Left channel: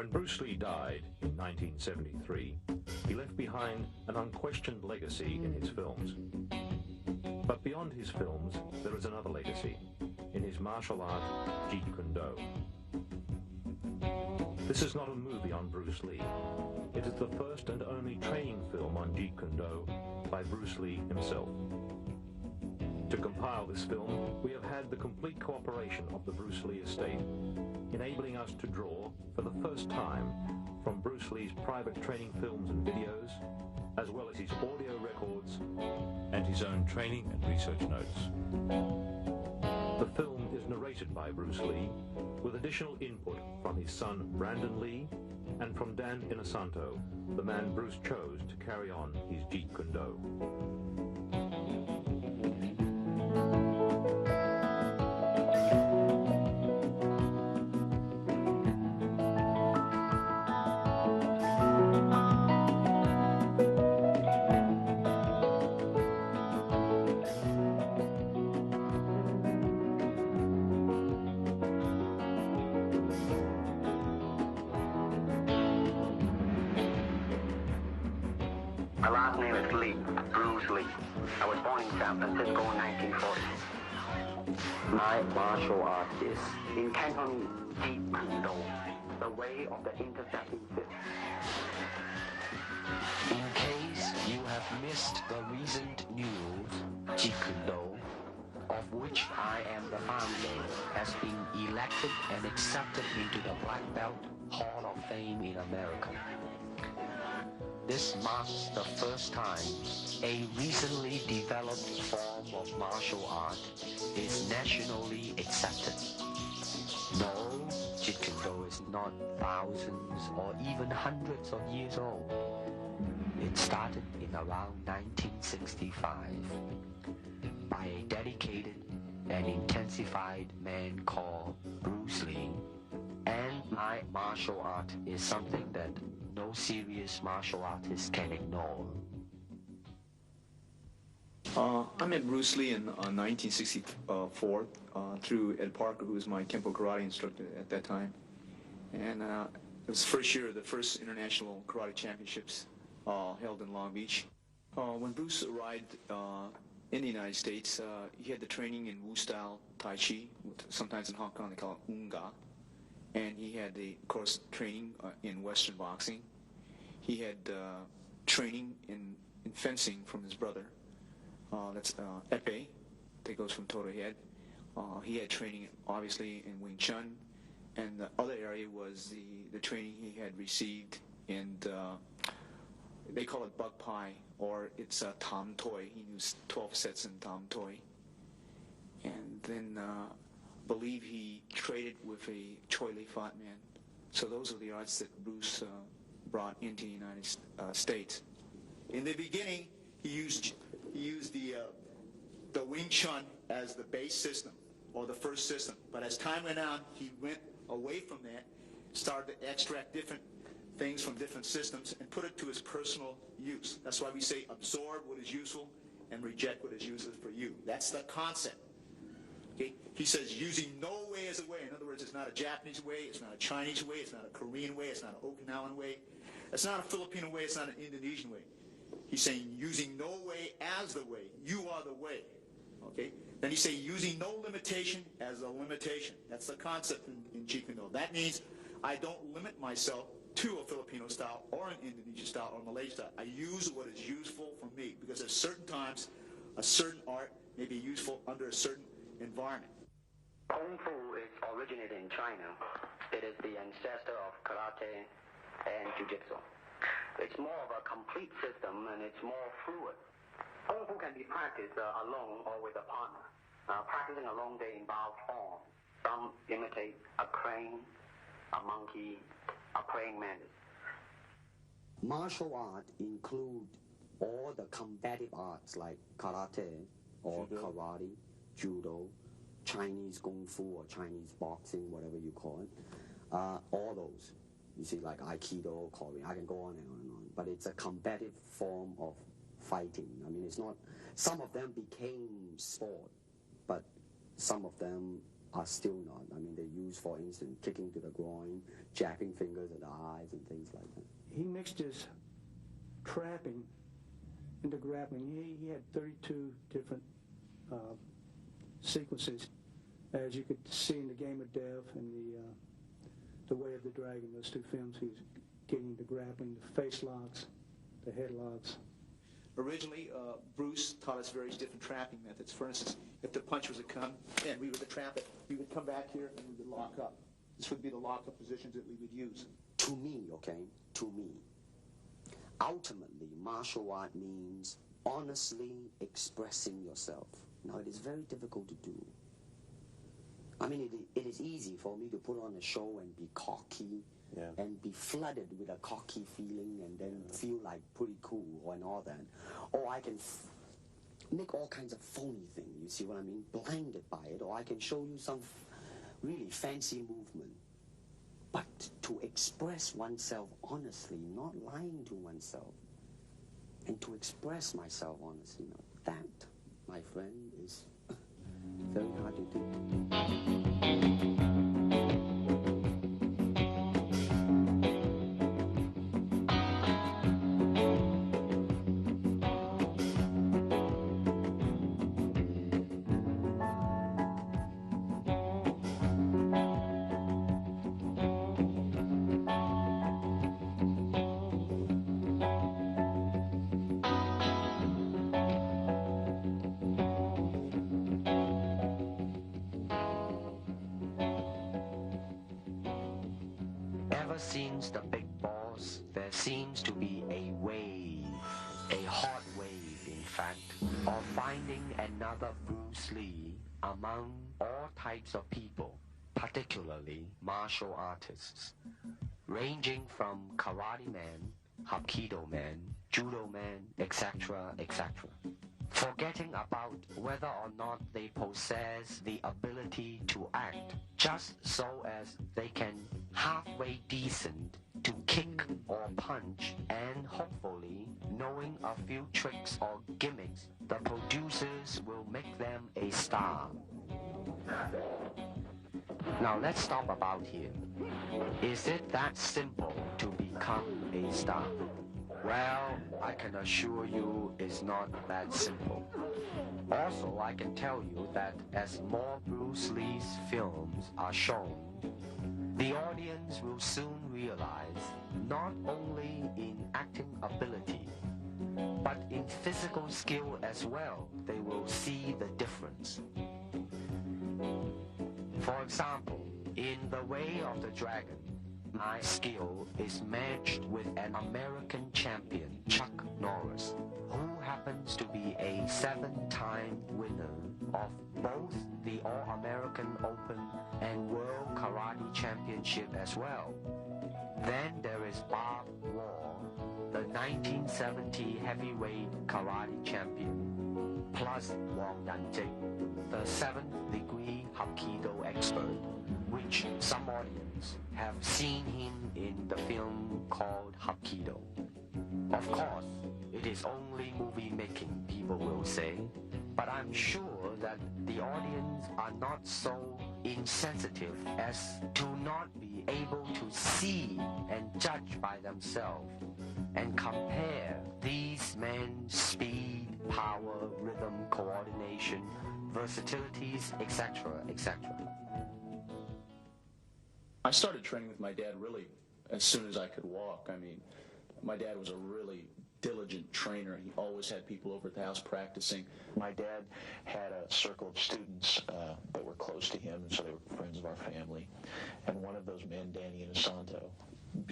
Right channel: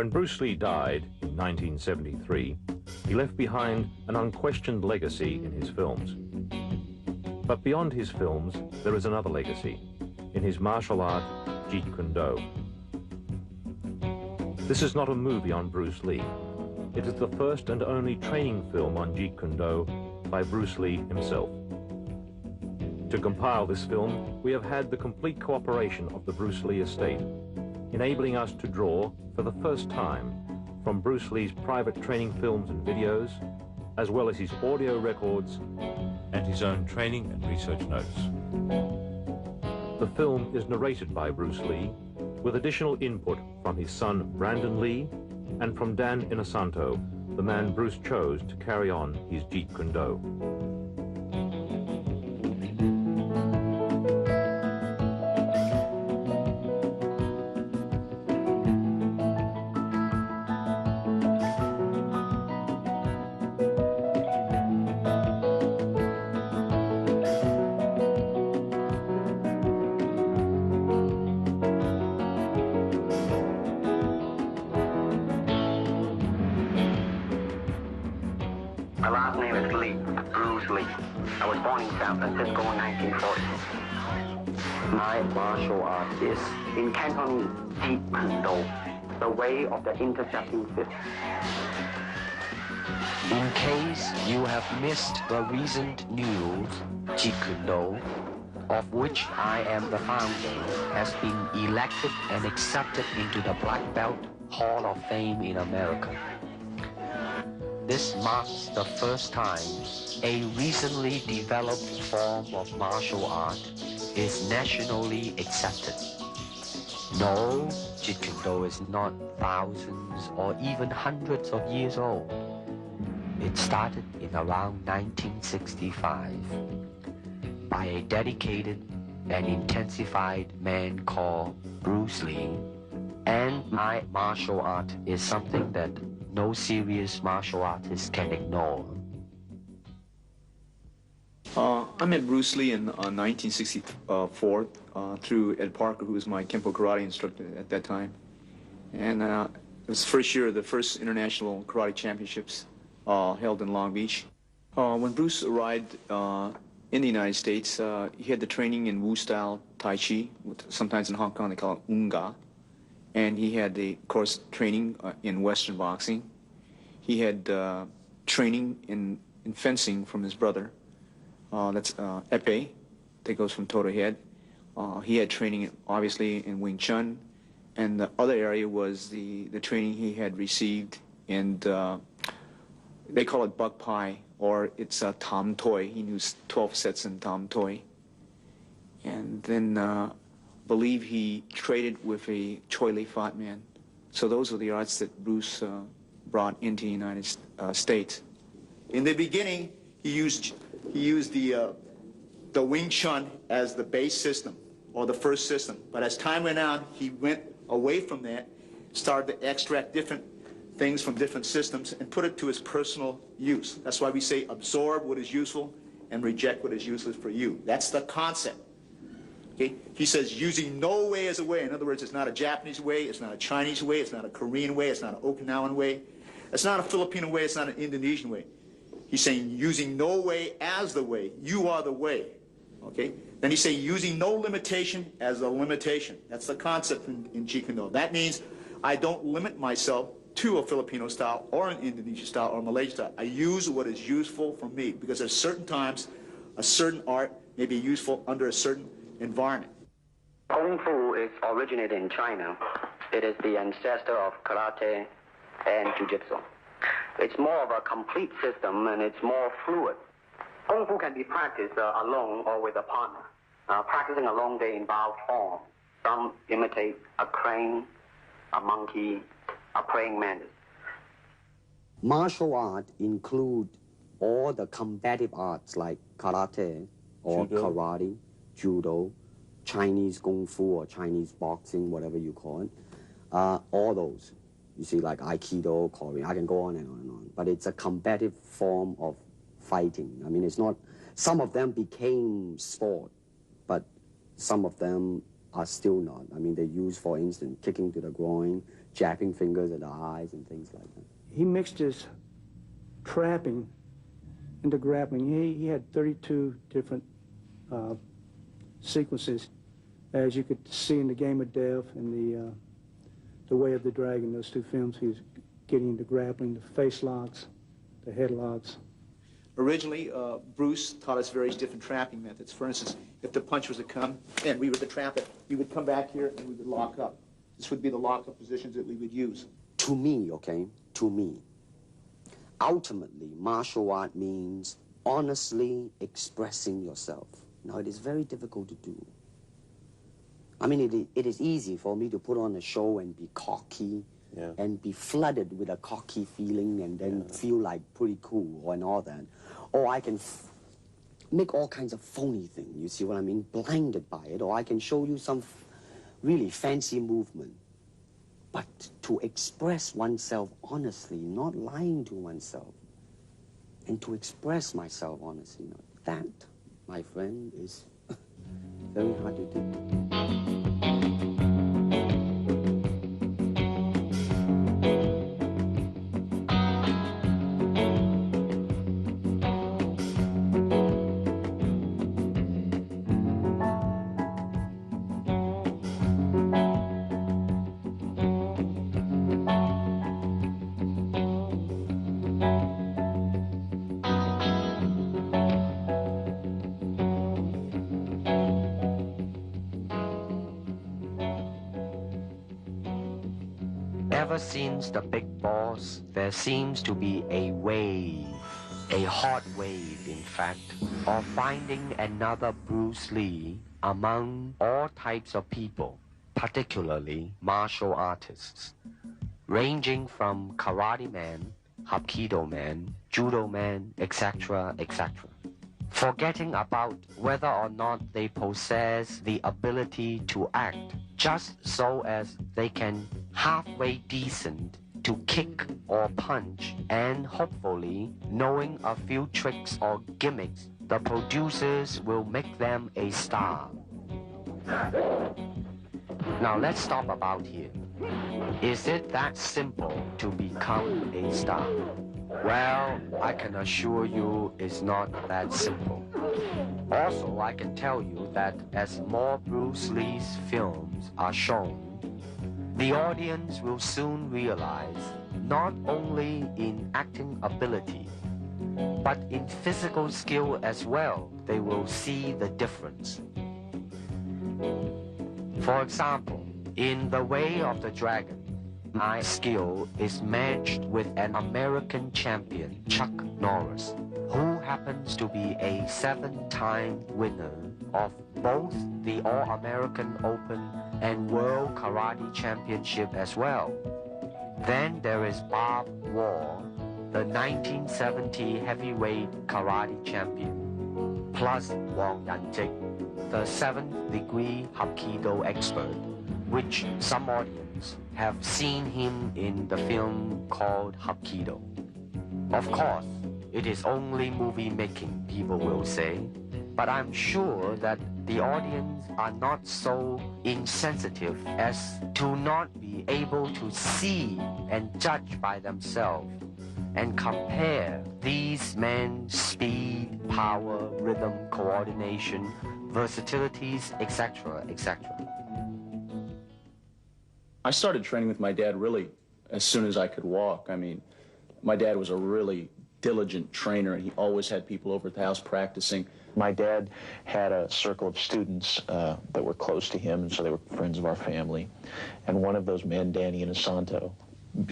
When Bruce Lee died in 1973, he left behind an unquestioned legacy in his films. But beyond his films, there is another legacy, in his martial art, Jeet Kune. This is not a movie on Bruce Lee. It is the first and only training film on Jeet Kune by Bruce Lee himself. To compile this film, we have had the complete cooperation of the Bruce Lee estate, enabling us to draw, for the first time, from Bruce Lee's private training films and videos, as well as his audio records and his own training and research notes. The film is narrated by Bruce Lee, with additional input from his son Brandon Lee and from Dan Inosanto, the man Bruce chose to carry on his Jeet Kune. My last name is Lee, Bruce Lee. I was born in San Francisco in 1940. My martial art is in Cantonese, Jeet Kune, the way of the intercepting fist. In case you have missed the recent news, Jeet Kune, of which I am the founder, has been elected and accepted into the Black Belt Hall of Fame in America. This marks the first time a recently developed form of martial art is nationally accepted. No, Jeet Kune is not thousands or even hundreds of years old. It started in around 1965 by a dedicated and intensified man called Bruce Lee. And my martial art is something that no serious martial artist can ignore. I met Bruce Lee in 1964 through Ed Parker, who was my Kempo karate instructor at that time. And it was the first year of the first international karate championships held in Long Beach. When Bruce arrived in the United States, he had the training in Wu-style Tai Chi, sometimes in Hong Kong they call it Unga. And he had, of course, training in Western boxing. He had training in fencing from his brother. That's Epee, that goes from toe to head. He had training, obviously, in Wing Chun. And the other area was the training he had received in, they call it Buk Pai, or it's Tam Toi. He knew 12 sets in Tam Toi. And then believe he traded with a Choi Li Fat man. So those are the arts that Bruce brought into the United States. In the beginning, he used the Wing Chun as the base system, or the first system. But as time went on, he went away from that, started to extract different things from different systems and put it to his personal use. That's why we say absorb what is useful and reject what is useless for you. That's the concept. Okay? He says using no way as a way. In other words, it's not a Japanese way, it's not a Chinese way, it's not a Korean way, it's not an Okinawan way, it's not a Filipino way, it's not an Indonesian way. He's saying using no way as the way. You are the way. Okay? Then he's saying using no limitation as a limitation. That's the concept in Jeet Kune. That means I don't limit myself to a Filipino style or an Indonesian style or Malaysian style. I use what is useful for me, because at certain times a certain art may be useful under a certain environment. Kung Fu is originated in China. It is the ancestor of karate and jiu-jitsu. It's more of a complete system, and it's more fluid. Kung Fu can be practiced alone or with a partner. Practicing alone, they involve form. Some imitate a crane, a monkey, a praying mantis. Martial art include all the combative arts like karate or karate, judo, Chinese kung fu or Chinese boxing, whatever you call it. All those. You see, like Aikido, Korean, I can go on and on and on. But it's a combative form of fighting. I mean, it's not, some of them became sport, but some of them are still not. I mean, they use, for instance, kicking to the groin, jabbing fingers at the eyes, and things like that. He mixed his trapping into grappling. He had 32 different sequences, as you could see in The Game of Death and the Way of the Dragon, those two films. He was getting into grappling, the face locks, the head locks. Originally, Bruce taught us various different trapping methods. For instance, if the punch was to come and we were to trap it, we would come back here and we would lock up. This would be the lock-up positions that we would use. To me, okay, to me, ultimately, martial art means honestly expressing yourself. Now, it is very difficult to do. I mean, it is easy for me to put on a show and be cocky, and be flooded with a cocky feeling and then feel like pretty cool and all that. Or I can make all kinds of phony things, you see what I mean, blinded by it. Or I can show you some really fancy movement. But to express oneself honestly, not lying to oneself, and to express myself honestly, that, my friend, is very hard to do. Ever since the big boss, there seems to be a wave, a hot wave, in fact, of finding another Bruce Lee among all types of people, particularly martial artists, ranging from karate man, hapkido man, judo man, etc., etc. Forgetting about whether or not they possess the ability to act, just so as they can halfway decent to kick or punch, and hopefully knowing a few tricks or gimmicks, the producers will make them a star. Now let's stop about here. Is it that simple to become a star? Well, I can assure you it's not that simple. Also, I can tell you that as more Bruce Lee's films are shown, the audience will soon realize not only in acting ability, but in physical skill as well, they will see the difference. For example, in The Way of the Dragon, my skill is matched with an American champion, Chuck Norris, who happens to be a 7-time winner of both the All-American Open and World Karate Championship as well. Then there is Bob Wall, the 1970 heavyweight karate champion, plus Wang Yanjik, the 7th degree Hapkido expert, which some audience have seen him in the film called Hapkido. Of course, it is only movie making, people will say, but I'm sure that the audience are not so insensitive as to not be able to see and judge by themselves and compare these men's speed, power, rhythm, coordination, versatilities, etc., etc. I started training with my dad really as soon as I could walk. I mean, my dad was a really diligent trainer, and he always had people over at the house practicing. My dad had a circle of students that were close to him, and so they were friends of our family. And one of those men, Danny Inosanto,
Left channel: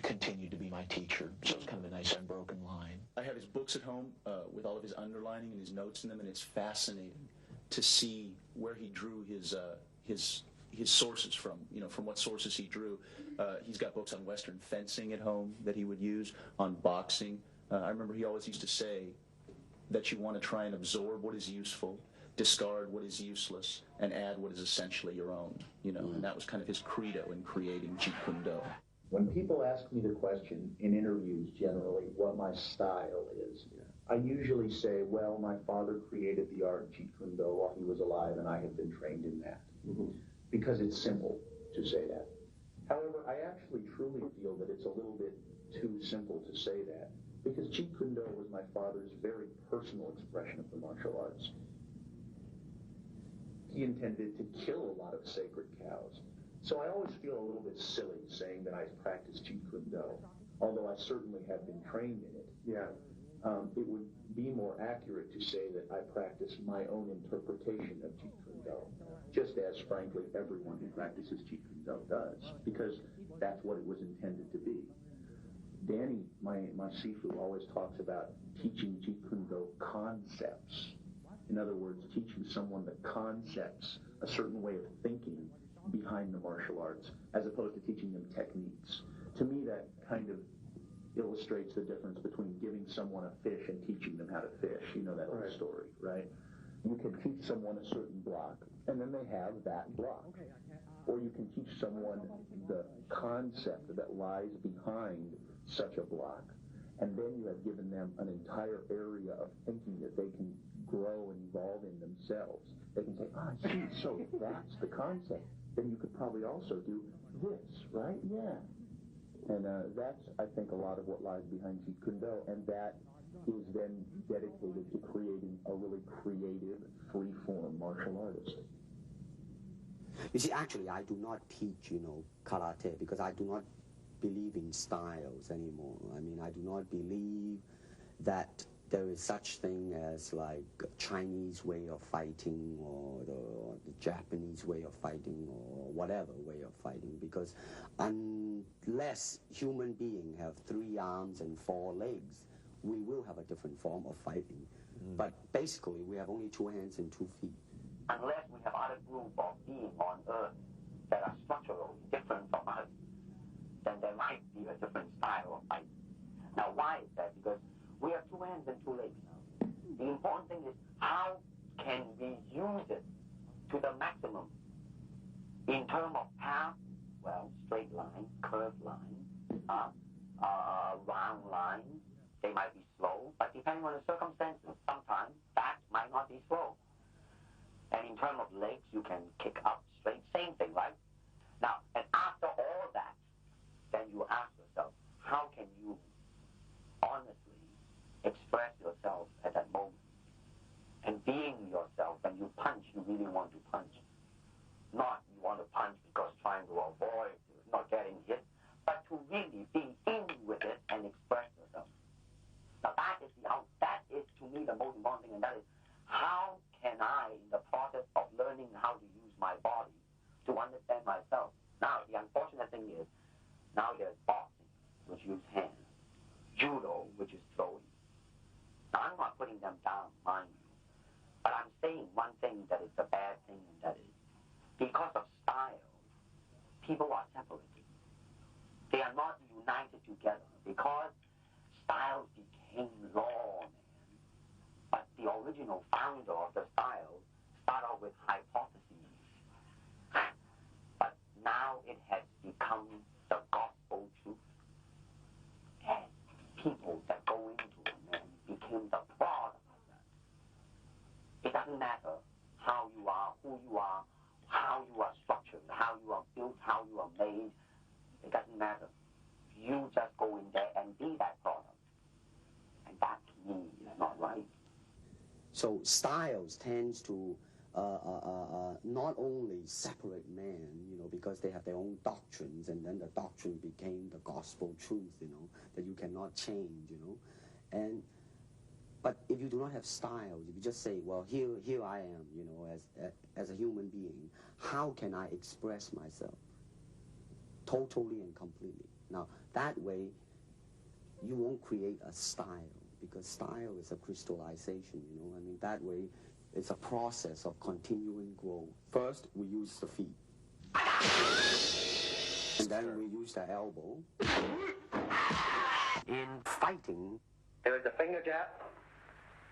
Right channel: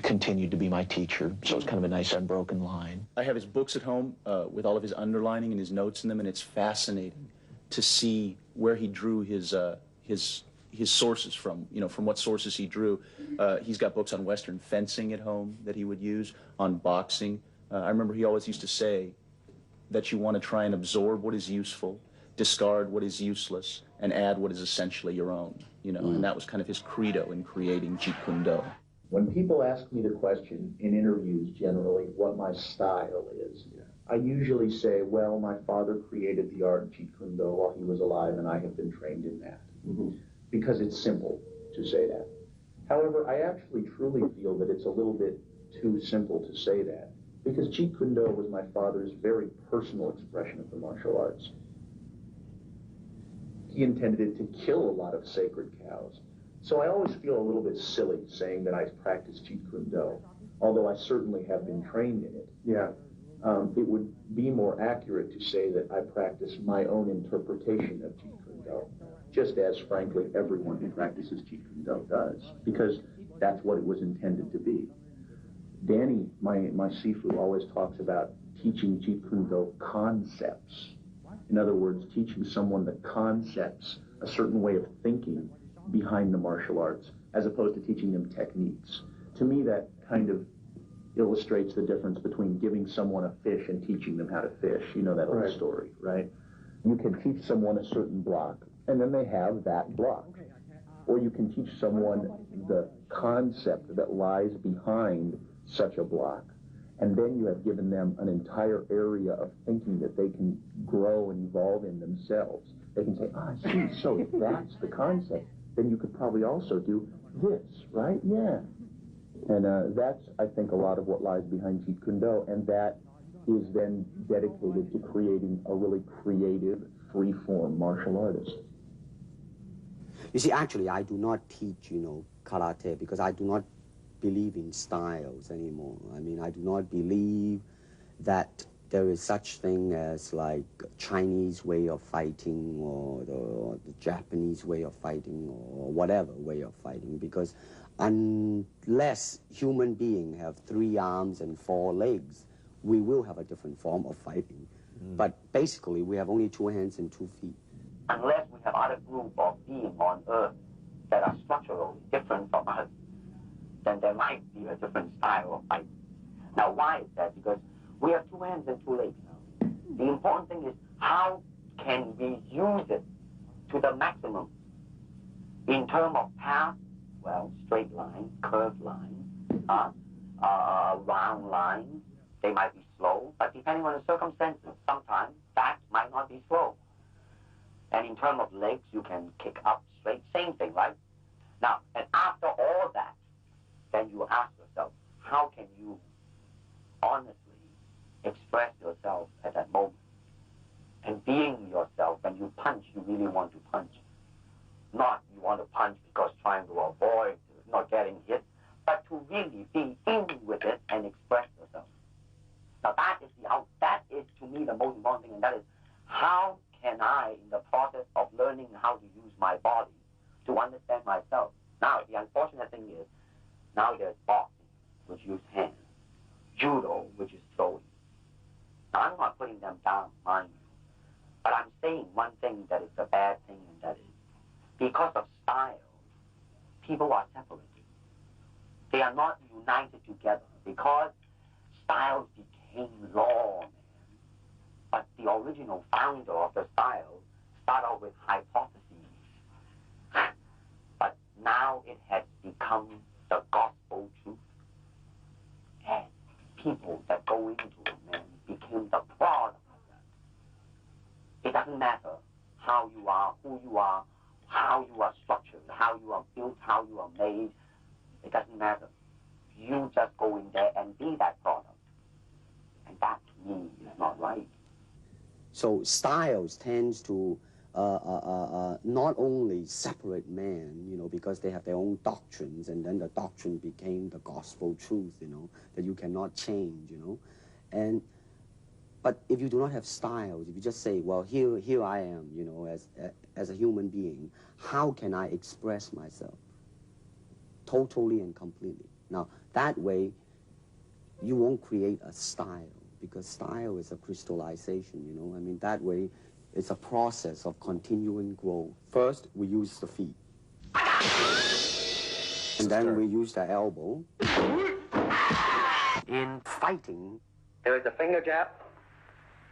continued to be my teacher, so it's kind of a nice unbroken line. I have his books at home with all of his underlining and his notes in them, and it's fascinating to see where he drew his sources from, from what sources he drew. He's got books on Western fencing at home that he would use, on boxing. I remember he always used to say that you want to try and absorb what is useful, discard what is useless, and add what is essentially your own, and that was kind of his credo in creating Jeet Kune Do. When people ask me the question in interviews generally what my style is, I usually say, well, my father created the art of Jeet Kune Do while he was alive, and I have been trained in that. because it's simple to say that. However, I actually truly feel that it's a little bit too simple to say that, because Jeet Kune Do was my father's very personal expression of the martial arts. He intended it to kill a lot of sacred cows. So I always feel a little bit silly saying that I practice Jeet Kune Do, although I certainly have been trained in it. Yeah. It would be more accurate to say that I practice my own interpretation of Jeet Kune Do, just as, frankly, everyone who practices Jeet Kune Do does, because that's what it was intended to be. Danny, my Sifu, always talks about teaching Jeet Kune Do concepts. In other words, teaching someone the concepts, a certain way of thinking behind the martial arts, as opposed to teaching them techniques. To me, that kind of illustrates the difference between giving someone a fish and teaching them how to fish. You know that old story, right? You can teach someone a certain block, and then they have that block. Or you can teach someone the concept that lies behind such a block, and then you have given them an entire area of thinking that they can grow and evolve in themselves. They can say, see, so if that's the concept, then you could probably also do this, right? Yeah. And that's, I think, a lot of what lies behind Jeet Kune Do, and that is then dedicated to creating a really creative, free-form martial artist. You see, actually, I do not teach, karate, because I do not believe in styles anymore. I mean, I do not believe that there is such thing as like Chinese way of fighting or the Japanese way of fighting or whatever way of fighting, because unless human beings have 3 arms and 4 legs, we will have a different form of fighting. But basically, we have only 2 hands and 2 feet. Unless we have other group of beings on Earth that are structurally different from us, then there might be a different style of fighting. Now, why is that? Because we have 2 hands and 2 legs now. The important thing is how can we use it to the maximum in terms of path. Well, straight lines, curved lines, round lines. They might be slow, but depending on the circumstances, sometimes that might not be slow. And in terms of legs, you can kick up straight, same thing, right? Now, and after all that, then you ask yourself, how can you honestly express yourself at that moment? And being yourself, when you punch, you really want to punch. Not you want to punch because trying to avoid not getting hit, but to really be in with it and express yourself. Now that is to me the most important thing, and that is how can I, in the process of learning how to use my body, to understand myself. Now the unfortunate thing is, now there's boxing, which use hands, judo, which is throwing. Now I'm not putting them down, mind you, but I'm saying one thing that is a bad thing, and that is, because of style, people are separated. They are not united together because styles became law, man. But the original founder of the style started out with hypotheses. But now it has become the gospel truth. And people that go into it, man, became the product of that. It doesn't matter how you are, who you are, how you are structured, how you are built, how you are made. It doesn't matter. You just go in there and be that product. And that, to me, is not right. So styles tends to not only separate men, because they have their own doctrines, and then the doctrine became the gospel truth, that you cannot change, But if you do not have styles, if you just say, well, here I am, as a human being, how can I express myself totally and completely? Now, that way, you won't create a style, because style is a crystallization, I mean, that way, it's a process of continuing growth. First, we use the feet. And then we use the elbow. In fighting, there is a finger jab,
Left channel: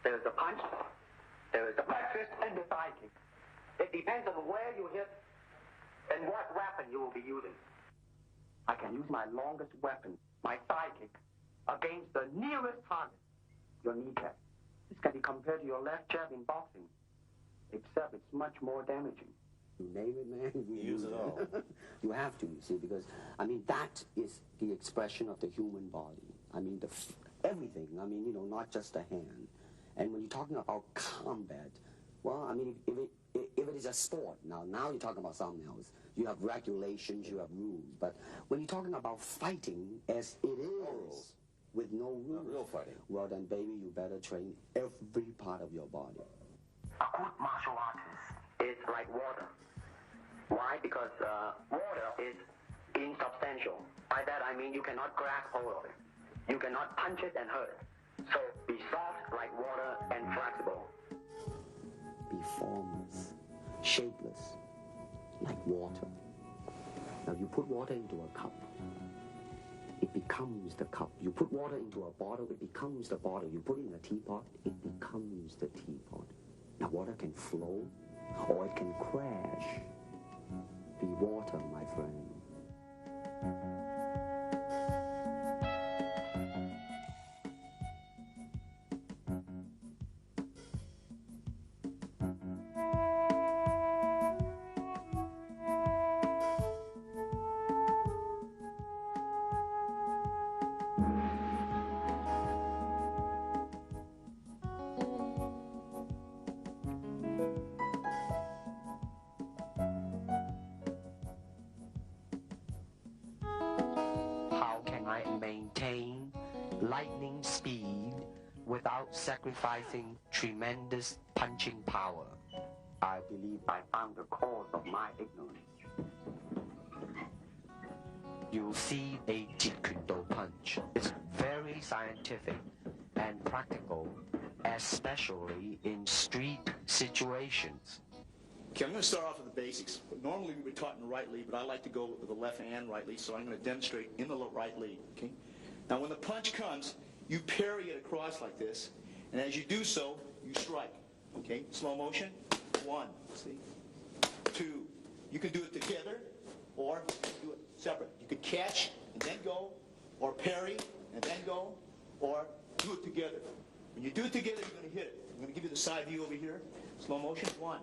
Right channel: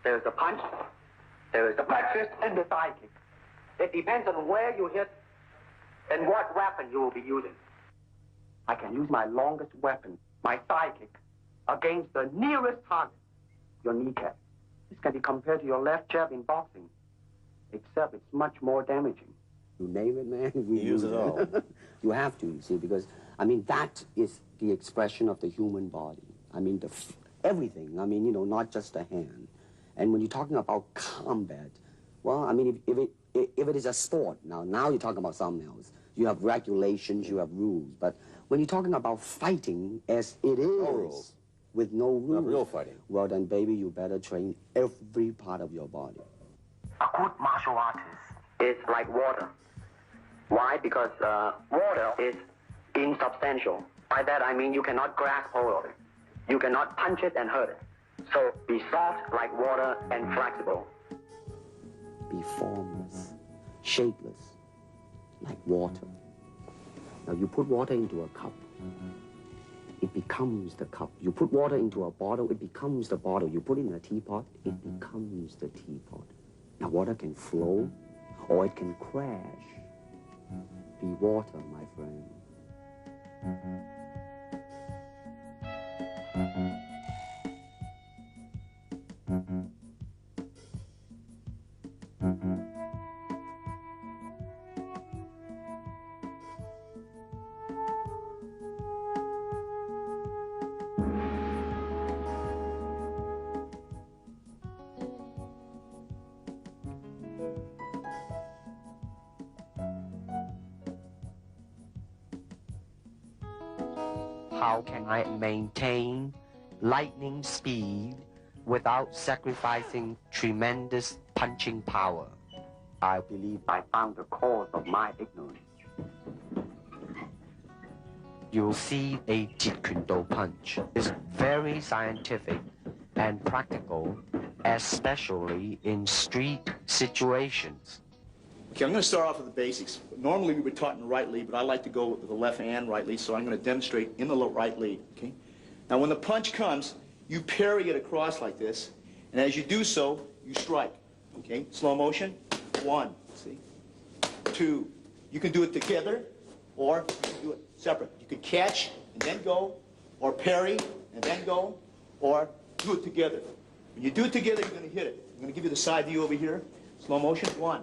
there is a punch, there is a back fist, and the thigh kick. It depends on where you hit and what weapon you will be using. I can use my longest weapon, my thigh kick, against the nearest target, your kneecap. This can be compared to your left jab in boxing, except it's much more damaging. You name it, man. We use it all. You have to, you see, because, I mean, that is the expression of the human body. I mean, everything. I mean, you know, not just the hand. And when you're talking about combat, well, I mean, if it is a sport, now you're talking about something else. You have regulations, you have rules. But when you're talking about fighting as it is, no rules. With no rules, Not real fighting. well, then, baby, you better train every part of your body. A good martial artist is like water. Why? Because water is insubstantial. By that I mean you cannot grasp hold of it. You cannot punch it and hurt it. So be soft like water and flexible. Be formless, shapeless, like water. Now you put water into a cup, it becomes the cup. You put water into a bottle, it becomes the bottle. You put it in a teapot, it becomes the teapot. Now water can flow or it can crash. Be water, my friend. How can I maintain lightning speed without sacrificing tremendous punching power? I believe I found the cause of my ignorance. You'll see a Jeet Kune Do punch is very scientific and practical, especially in street situations. Okay, I'm going to start off with the basics. Normally we were taught in the right leg, but I like to go with the left and right leg, so I'm going to demonstrate in the right leg, okay? Now when the punch comes, you parry it across like this, and as you do so, you strike, okay? Slow motion, 1, see? 2. You can do it together, or you can do it separate. You could catch and then go, or parry and then go, or do it together. When you do it together, you're going to hit it. I'm going to give you the side view over here. Slow motion, 1.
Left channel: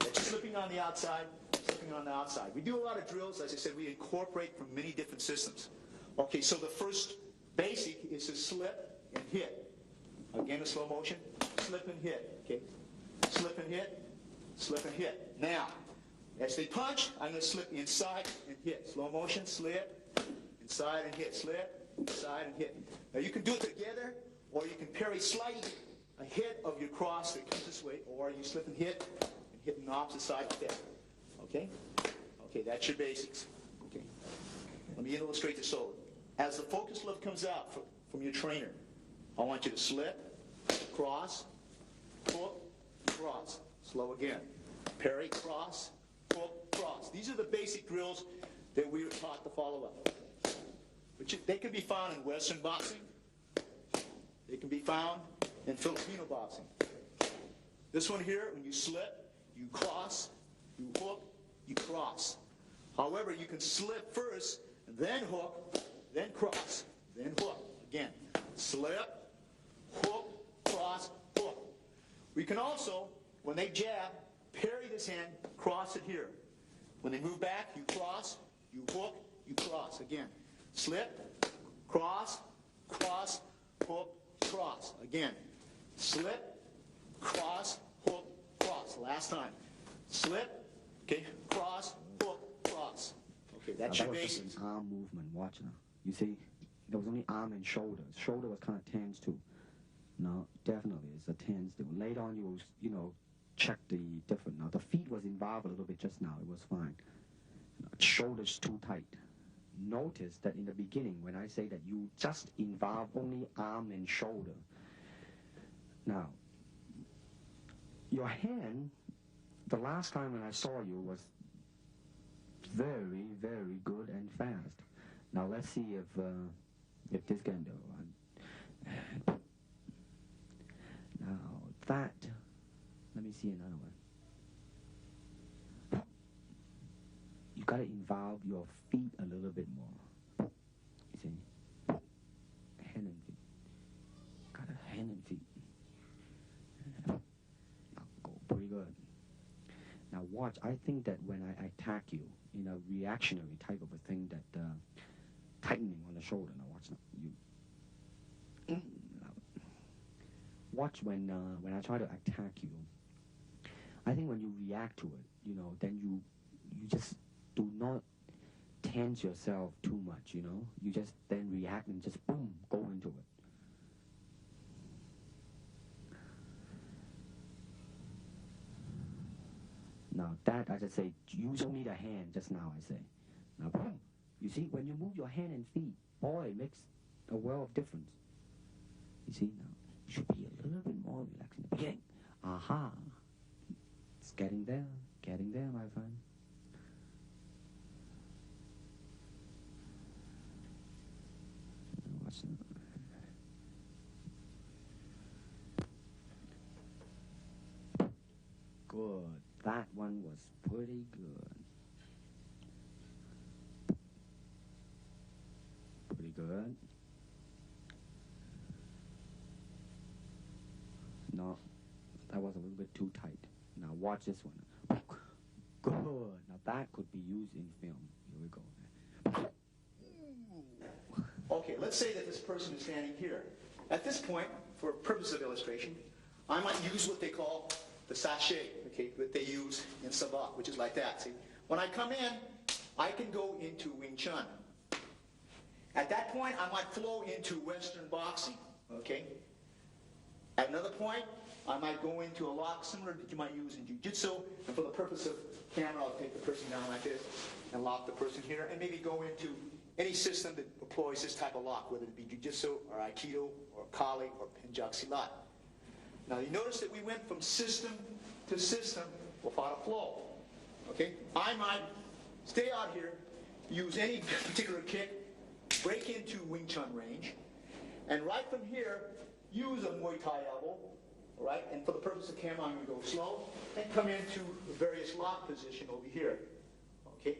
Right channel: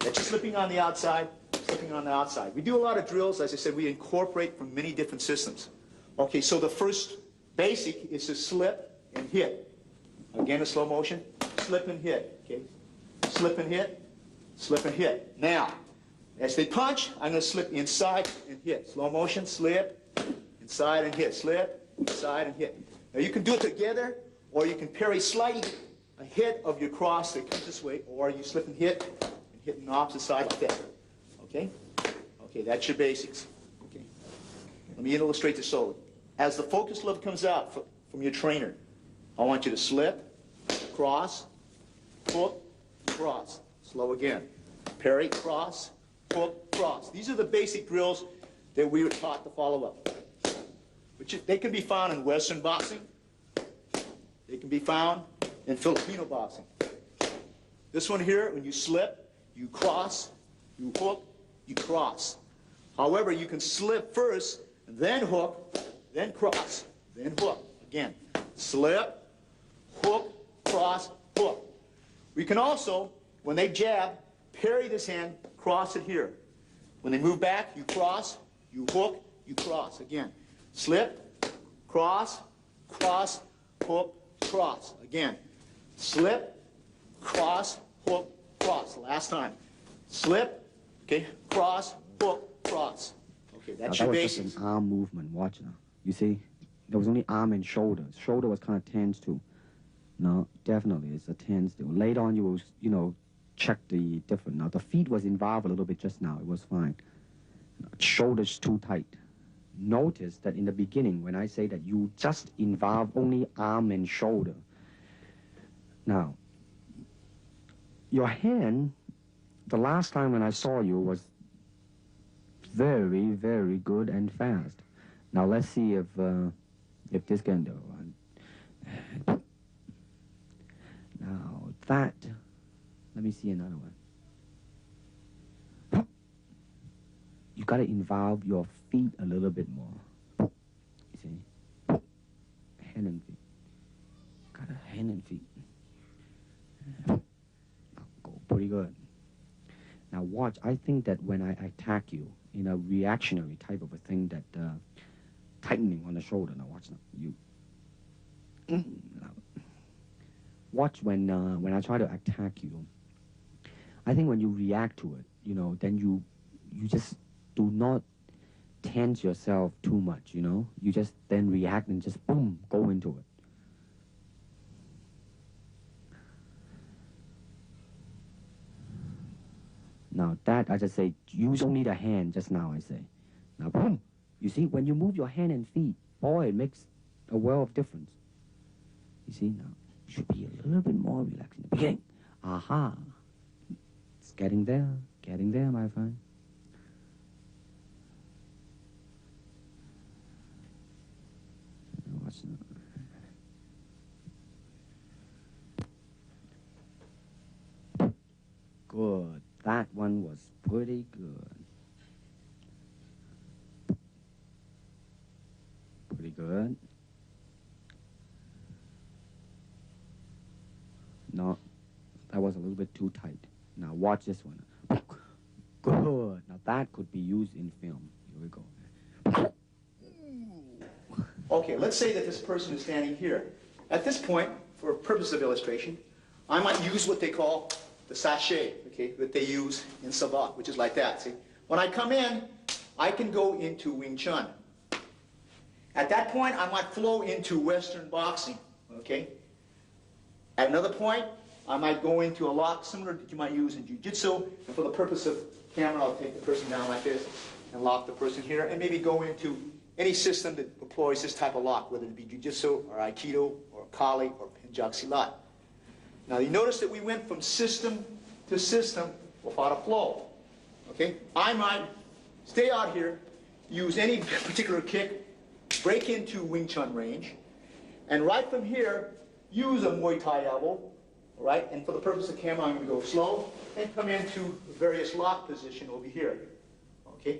That's slipping on the outside, slipping on the outside. We do a lot of drills. As I said, we incorporate from many different systems. Okay, so the first basic is to slip and hit. Again, a slow motion, slip and hit, okay? Slip and hit, slip and hit. Now, as they punch, I'm going to slip inside and hit. Slow motion, slip, inside and hit, slip, inside and hit. Now you can do it together, or you can parry slightly ahead of your cross that comes this way, or you slip and hit on the opposite side like that. Okay? Okay, that's your basics. Okay. Let me illustrate this slowly. As the focus lever comes out from your trainer, I want you to slip, cross, hook, cross. Slow again. Parry, cross, hook, cross. These are the basic drills that we were taught to follow up. But they can be found in Western boxing. They can be found in Filipino boxing. This one here, when you slip, you cross, you hook, you cross. However, you can slip first, then hook, then cross, then hook. Again, slip, hook, cross, hook. We can also, when they jab, parry this hand, cross it here. When they move back, you cross, you hook, you cross. Again, slip, cross, cross, hook, cross. Again, slip, cross, hook, cross. Last time. Slip, okay, cross, hook, cross. Okay, that's your basics. That was just an arm movement. Watch now. You see? There was only arm and shoulders. Shoulder was kind of tense too. No, definitely, it's a tense deal. Later on, you will, you know, check the different. Now, the feet was involved a little bit just now. It was fine. Shoulders too tight. Notice that in the beginning, when I say that you just involve only arm and shoulder. Now, your hand, the last time when I saw you was very, very good and fast. Now let's see if this can do. Now that, let me see another one. You got to involve your feet a little bit more. You see? Hand and feet. Got a hand and feet. Go pretty good. Now watch, I think that when I attack you in a reactionary type of a thing that tightening on the shoulder, now watch now, you. Watch when I try to attack you. I think when you react to it, you know, then you just do not tense yourself too much, you know. You just then react and just boom, go into it. Now that, I just say, use only the hand just now, I say. Now, boom. You see, when you move your hand and feet, boy, it makes a world of difference. You see, now, you should be a little bit more relaxed in the beginning. Aha. It's getting there, my friend. What's that? Good. That one was pretty good. Pretty good. No, that was a little bit too tight. Now watch this one. Good. Now that could be used in film. Here we go. Okay, let's say that this person is standing here. At this point, for purpose of illustration, I might use what they call the sachet, okay, that they use in Savate, which is like that, see? When I come in, I can go into Wing Chun. At that point, I might flow into Western boxing, okay? At another point, I might go into a lock similar that you might use in Jiu-Jitsu, and for the purpose of camera, I'll take the person down like this and lock the person here, and maybe go into any system that employs this type of lock, whether it be Jiu-Jitsu or Aikido or Kali or Penjak Silat. Now you notice that we went from system to system without a flow. Okay? I might stay out here, use any particular kick, break into Wing Chun range, and right from here, use a Muay Thai elbow, all right? And for the purpose of camera, I'm going to go slow and come into various lock position over here. Okay?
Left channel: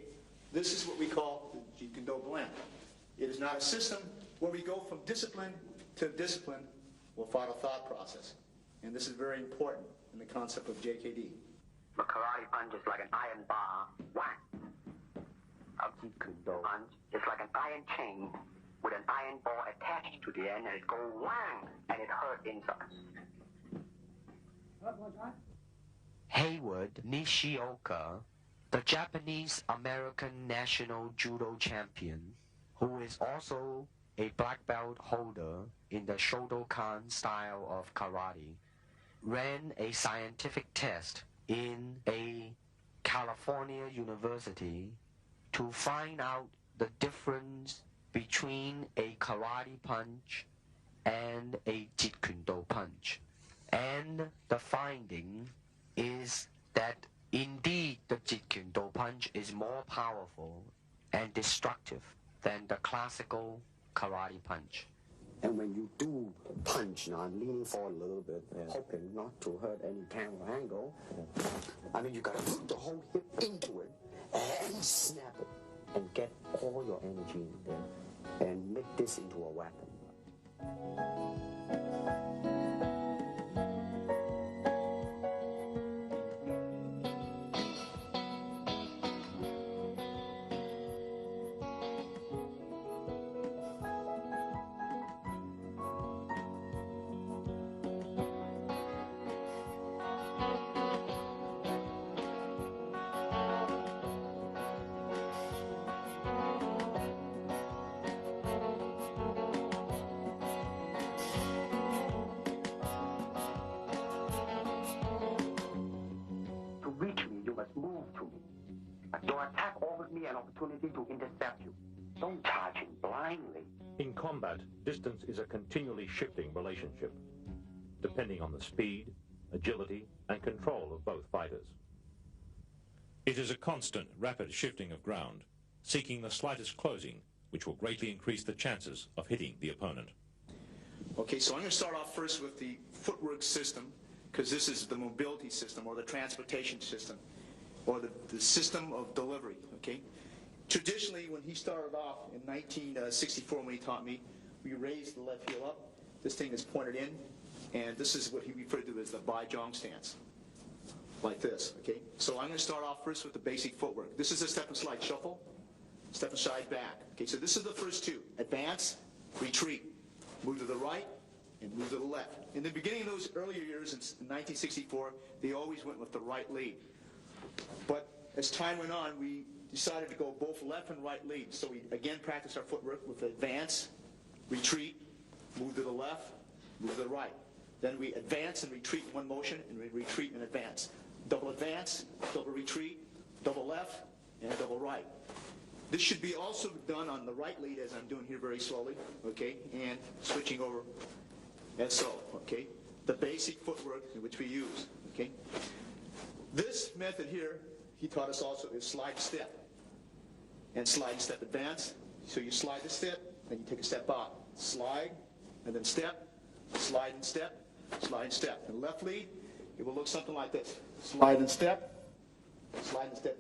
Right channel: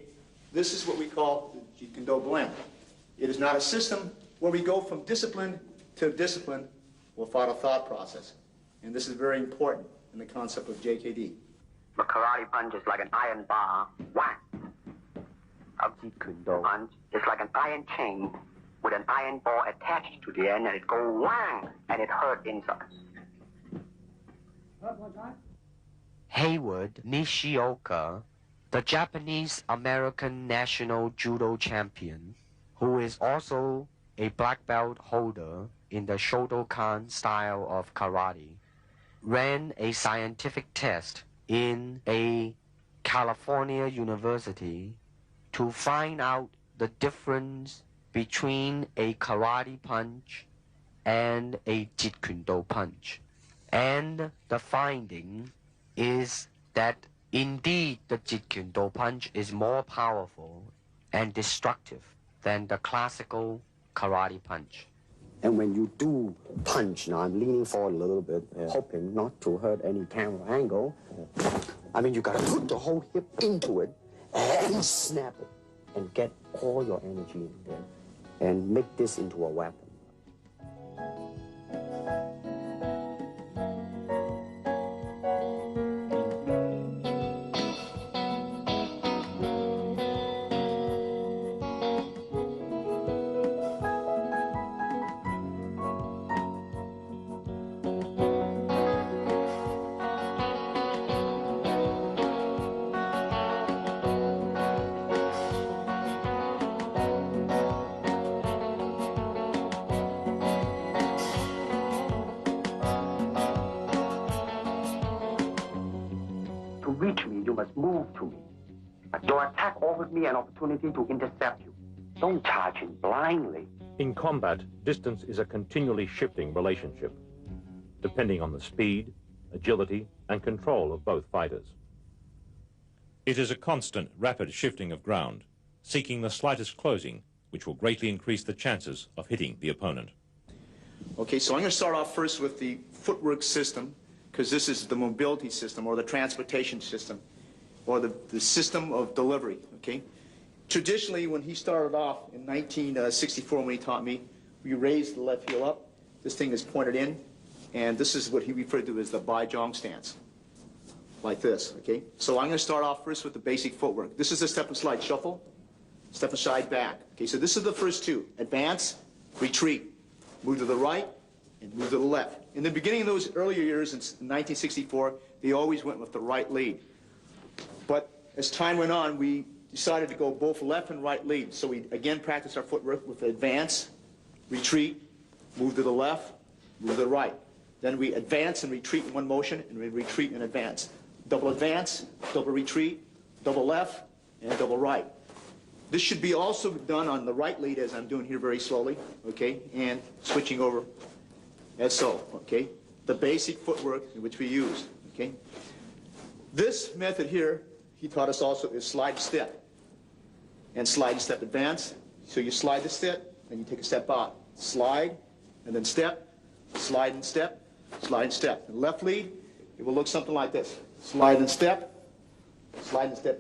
This is what we call the Jeet Kune blend. It is not a system where we go from discipline to discipline without a thought process. And this is very important in the concept of JKD. A karate punch is like an iron bar. Whack. A Jeet Kune punch is like an iron chain with an iron ball attached to the end, and it go whang, and it hurt inside. Hayward Nishioka, the Japanese-American national judo champion, who is also a black belt holder in the Shotokan style of karate, ran a scientific test in a California university to find out the difference between a karate punch and a Jeet Kune punch. And the finding is that indeed the Jeet Kune punch is more powerful and destructive than the classical karate punch. And when you do punch, now I'm leaning forward a little bit, hoping not to hurt any camera angle. I mean, you gotta put the whole hip into it and snap it and get all your energy in there and make this into a weapon. Move to me. Your attack offers me an opportunity to intercept you. Don't charge him blindly. In combat, distance is a continually shifting relationship, depending on the speed, agility, and control of both fighters. It is a constant, rapid shifting of ground, seeking the slightest closing, which will greatly increase the chances of hitting the opponent. Okay, so I'm going to start off first with the footwork system, because this is the mobility system or the transportation system, or the system of delivery, okay? Traditionally, when he started off in 1964, when he taught me, we raised the left heel up. This thing is pointed in, and this is what he referred to as the Bai Zhang stance. like this, okay? So I'm going to start off first with the basic footwork. This is the step and slide shuffle, step and slide back. Okay, so this is the first two. Advance, retreat, move to the right, and move to the left. In the beginning of those earlier years, in 1964, they always went with the right lead. But as time went on, we decided to go both left and right lead. So we again practiced our footwork with advance, retreat, move to the left, move to the right. Then we advance and retreat in one motion, and we retreat and advance. Double advance, double retreat, double left, and double right. This should be also done on the right lead, as I'm doing here very slowly, okay, and switching over as so, okay. The basic footwork in which we use, okay. This method here, he taught us also, is slide step. And slide and step advance. So you slide the step, and you take a step out. Slide, and then step, slide and step, slide and step. And left lead, it will look something like this. Slide and step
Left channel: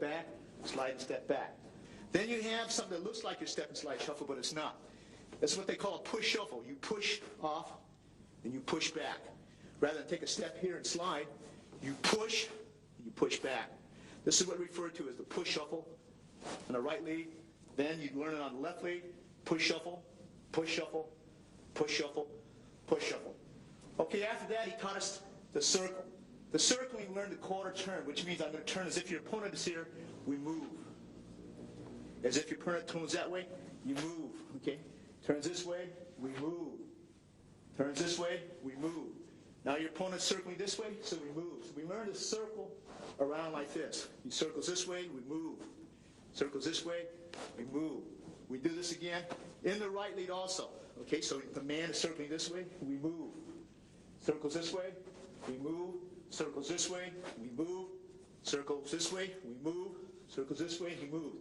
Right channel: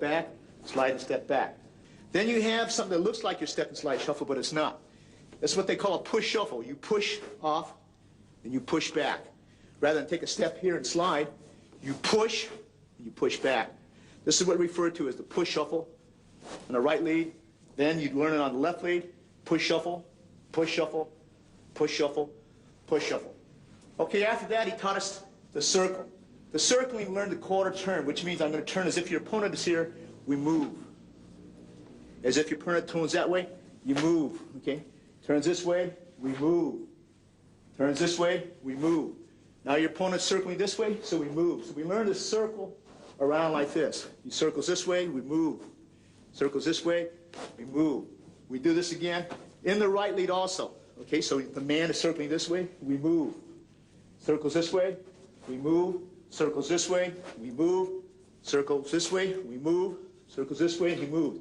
back, slide and step back. Then you have something that looks like your step and slide shuffle, but it's not. That's what they call a push shuffle. You push off, and you push back. Rather than take a step here and slide, you push, and you push back. This is what we refer to as the push shuffle on the right lead. Then you'd learn it on the left lead. Push shuffle, push shuffle, push shuffle, push shuffle. Okay, after that, he taught us the circle. The circle, we learned the quarter turn, which means I'm going to turn as if your opponent is here, we move. As if your opponent turns that way, you move, okay? Turns this way, we move. Turns this way, we move. Now your opponent's circling this way, so we move. So we learn to circle around like this. He circles this way, we move. Circles this way, we move. We do this again in the right lead also. Okay, so the man is circling this way, we move. Circles this way, we move. Circles this way, we move. Circles this way, we move. Circles this way, he moves.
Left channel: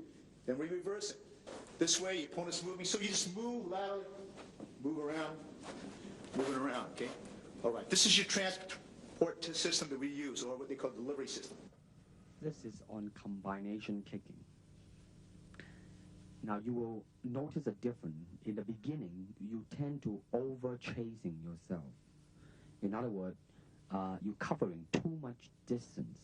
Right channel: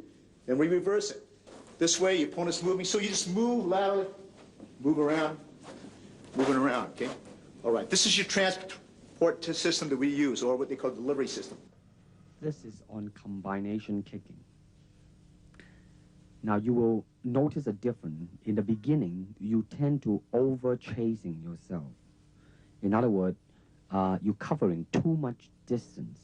Then we reverse it. This way, your opponent's moving, so you just move laterally, move around, moving around, okay? All right, this is your transport system that we use, or what they call delivery system. This is on combination kicking. Now you will notice a difference. In the beginning, you tend to over-chasing yourself. In other words, you're covering too much distance.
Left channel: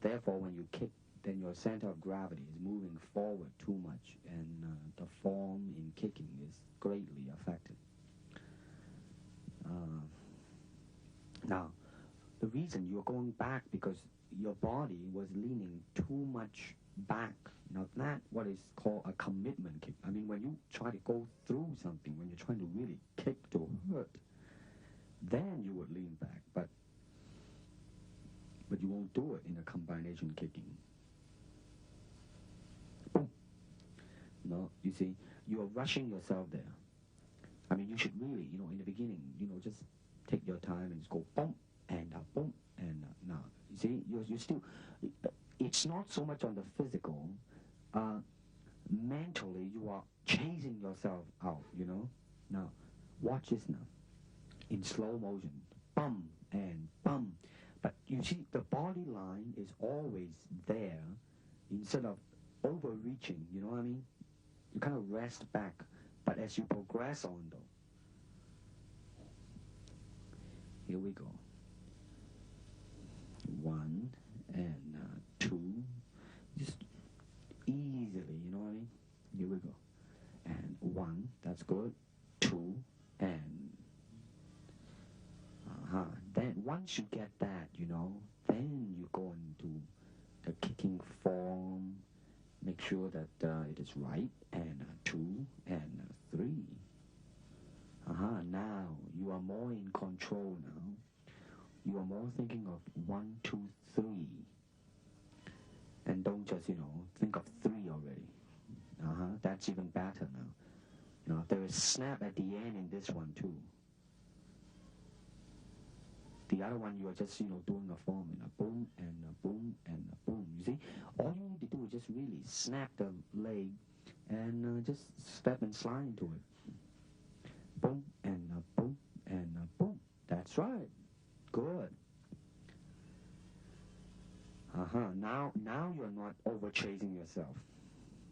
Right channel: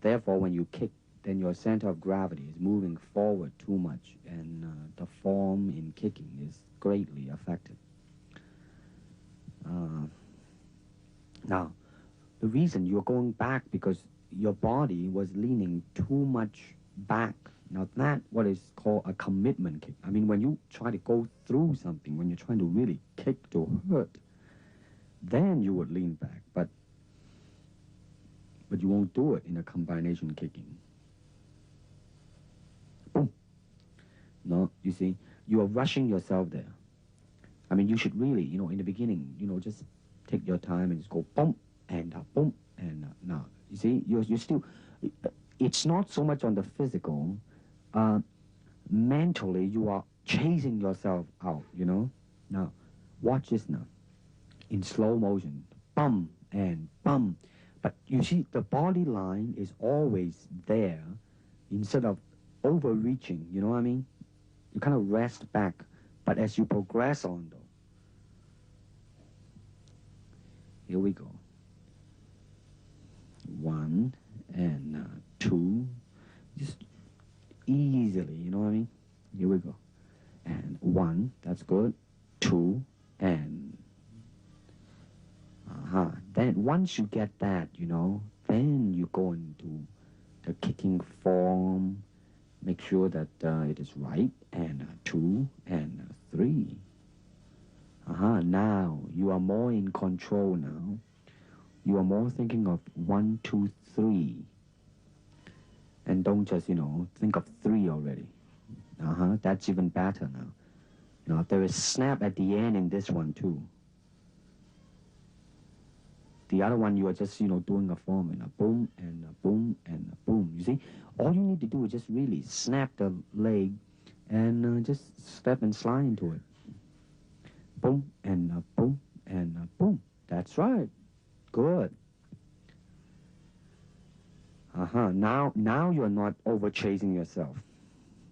Therefore, when you kick, then your center of gravity is moving forward too much, and the form in kicking is greatly affected. Now, the reason you're going back because your body was leaning too much back. Now that's what is called a commitment kick. I mean, when you try to go through something, when you're trying to really kick to hurt, then you would lean back, but you won't do it in a combination kicking. Boom. No, you see, you are rushing yourself there. I mean, you should really, in the beginning, just take your time and just go boom, and boom, and now. You see, you're still, it's not so much on the physical, mentally you are chasing yourself out, Now, watch this now. In slow motion, bum and bum. But you see, the body line is always there instead of overreaching, you know what I mean? You kind of rest back, but as you progress on, though. Here we go. 1 and 2. Just easily, you know what I mean? Here we go. And 1, that's good. 2, and then once you get that, then you go into the kicking form, make sure that it is right, and 2, and 3. Now you are more in control now. You are more thinking of 1, 2, 3. And don't just, think of 3 already. That's even better now. There is snap at the end in this one too. The other one, you are just, doing a form and a boom and a boom and a boom. You see, all you need to do is just really snap the leg and just step and slide into it. Boom and a boom and a boom. That's right. Good. Now you're not over chasing yourself.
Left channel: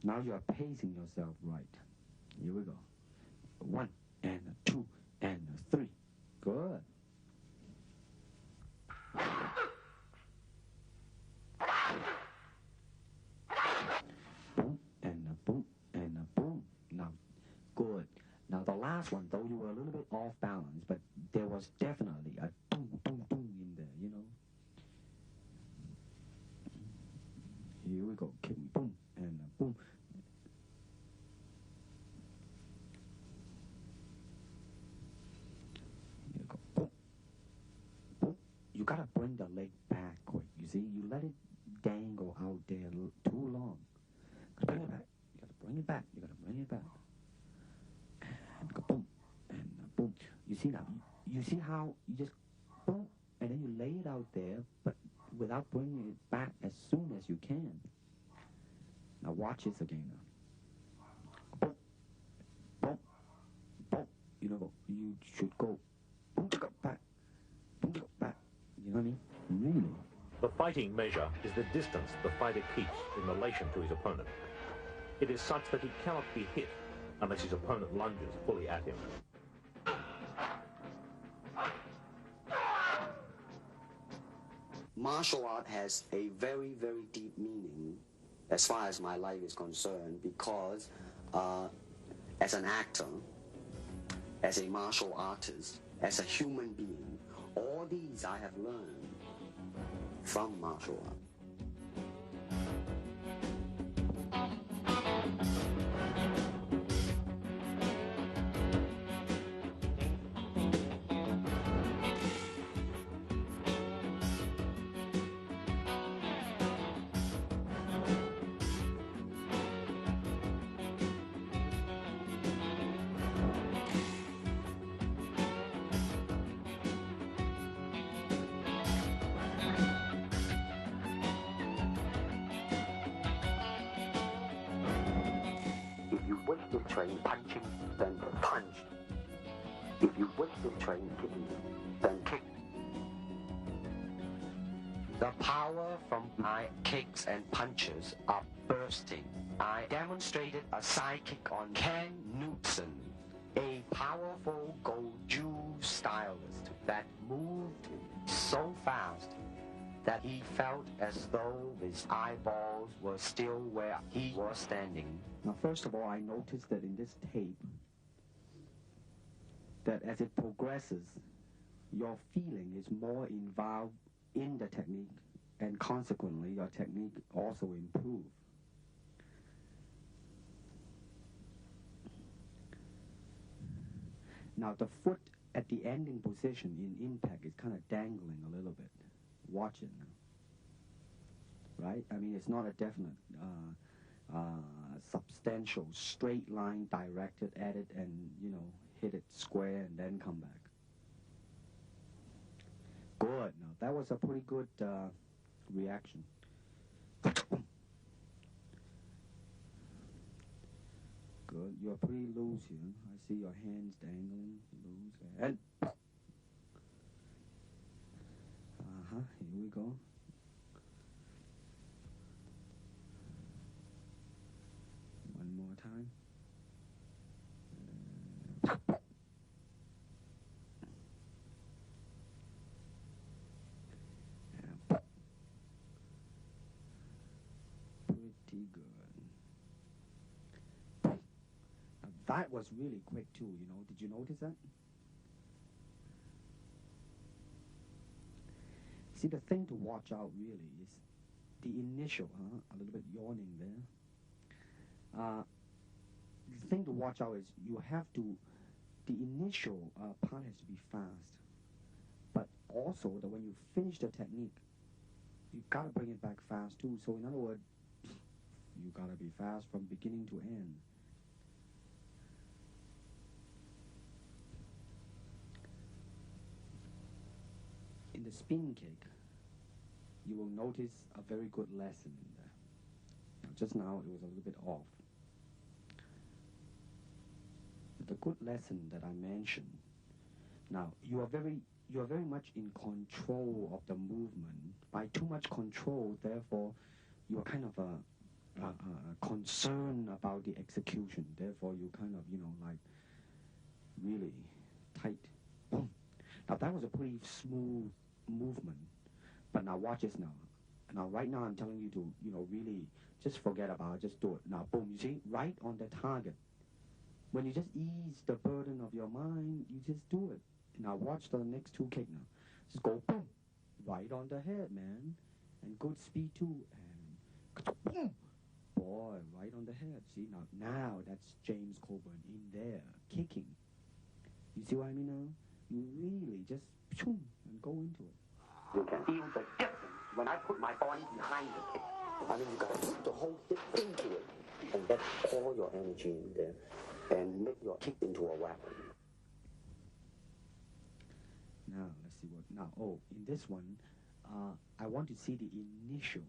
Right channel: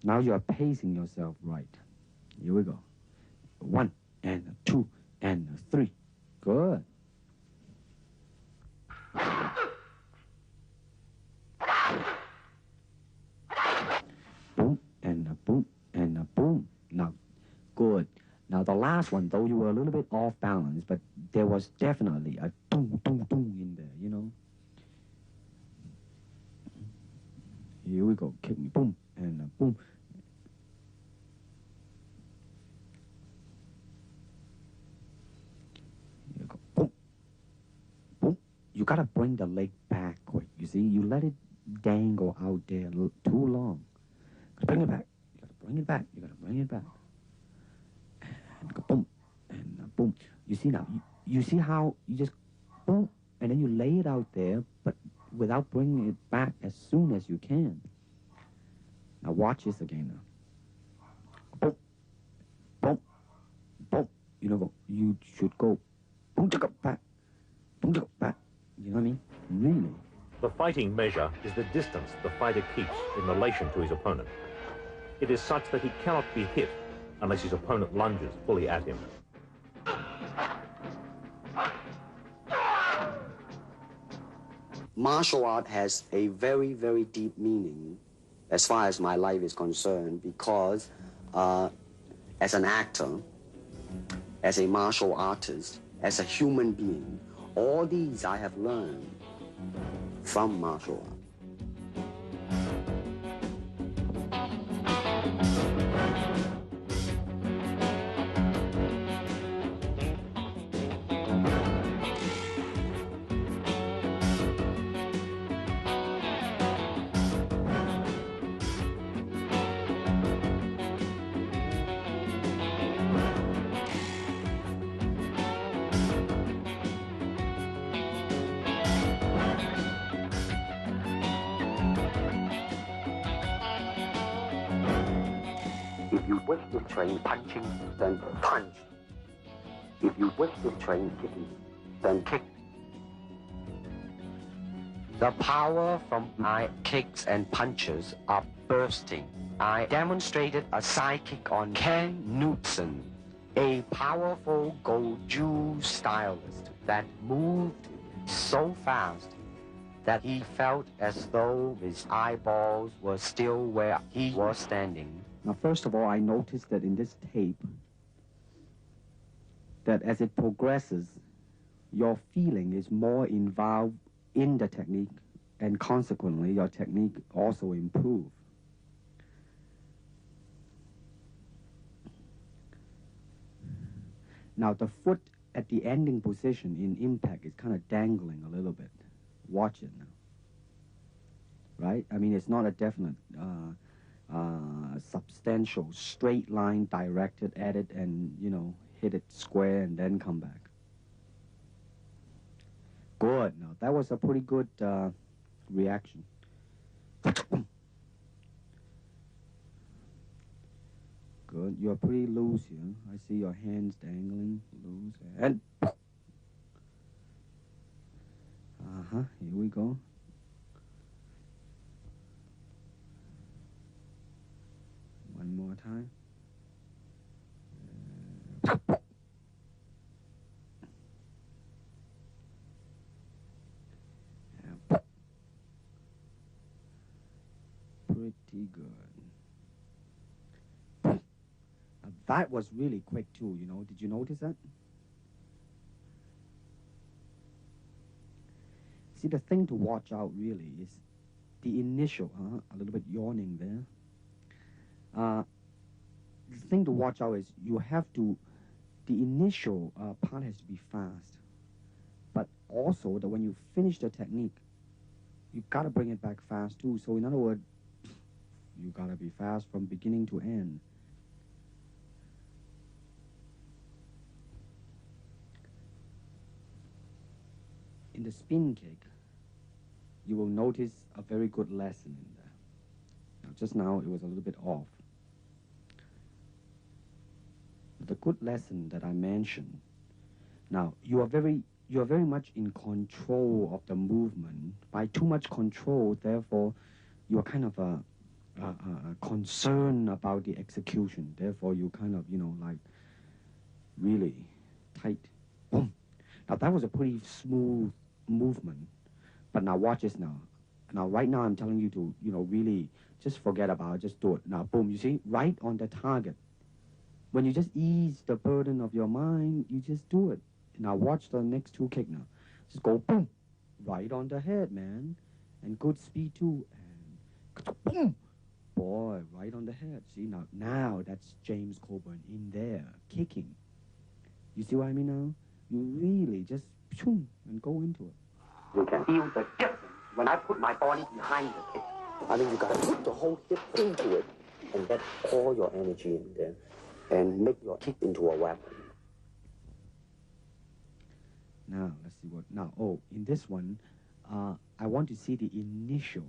Now you are pacing yourself right. Here we go. 1 and 2 and 3. Good. last one, though, you were a little bit off balance, but there was definitely a doom, doom, doom in there, you know. Here we go. Kick me, boom, and boom. Here we go. Boom. Boom. You gotta bring the leg back quick. You see, you let it dangle out there too long. Bring it back. You gotta bring it back. You gotta bring it back. And go boom. And boom. You see now, you see how you just boom, and then you lay it out there, but without bringing it back as soon as you can. Now watch this again now. Boom, boom, boom. You know, you should go boom, back, boom, back. You know what I mean? Really. The fighting measure is the distance the fighter keeps in relation to his opponent. It is such that he cannot be hit unless his opponent lunges fully at him. Martial art has a very, very deep meaning as far as my life is concerned, because as an actor, as a martial artist, as a human being, all these I have learned from martial art. If you wish to train punching, then punch. If you wish to train kicking, then kick. The power from my kicks and punches are bursting. I demonstrated a side kick on Ken Knutson, a powerful Goju stylist that moved so fast that he felt as though his eyeballs were still where he was standing. Now, first of all, I noticed that in this tape, that as it progresses, your feeling is more involved in the technique, and consequently, your technique also improves. Now, the foot at the ending position in impact is kind of dangling a little bit. Watch it now. Right? I mean, it's not a definite substantial straight line directed at it and, you know, hit it square and then come back. Good. Now, that was a pretty good reaction. Good. You're pretty loose here. I see your hands dangling. Loose. And... Uh-huh. Here we go. One more time. Pretty good. That was really quick too, you know. Did you notice that? See, the thing to watch out really is the initial, a little bit yawning there. The thing to watch out is you have to, the initial part has to be fast. But also that when you finish the technique, you gotta bring it back fast too. So in other words, you gotta be fast from beginning to end. In the spin kick, you will notice a very good lesson in there. Now, just now, it was a little bit off. The good lesson that I mentioned, now, you are very much in control of the movement. By too much control, therefore, you are kind of concerned about the execution. Therefore, you kind of, you know, like, really tight. Boom. Now, that was a pretty smooth movement. But now watch this now. Now, right now, I'm telling you to, you know, really just forget about it. Just do it. Now, boom, you see? Right on the target. when you just ease the burden of your mind, you just do it. Now watch the next two kick now. Just go boom, right on the head, man. And good speed too. And boom, boy, right on the head. See, now that's James Coburn in there, kicking. You see what I mean now? You really just boom, and go into it. You can feel the difference when I put my body behind the kick. I mean, you got to put the whole hip into it and get all your energy in there and make your kick into a weapon. Now, let's see what... Now, in this one, I want to see the initial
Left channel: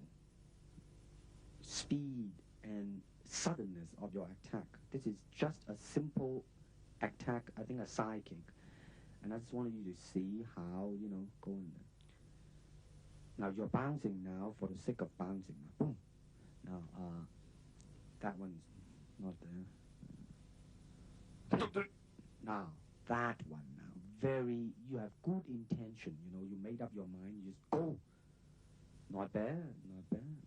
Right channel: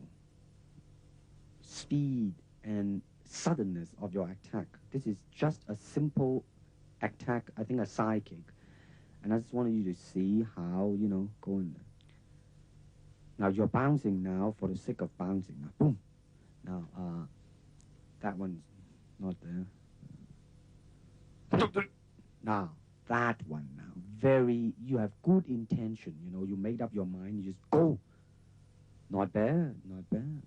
speed and suddenness of your attack. This is just a simple attack, I think a side kick. And I just wanted you to see how, go in there. Now, you're bouncing now for the sake of bouncing. Now, boom. Now, that one's not there. Now, that one now. You have good intention, you made up your mind, you just go. Not bad, not bad.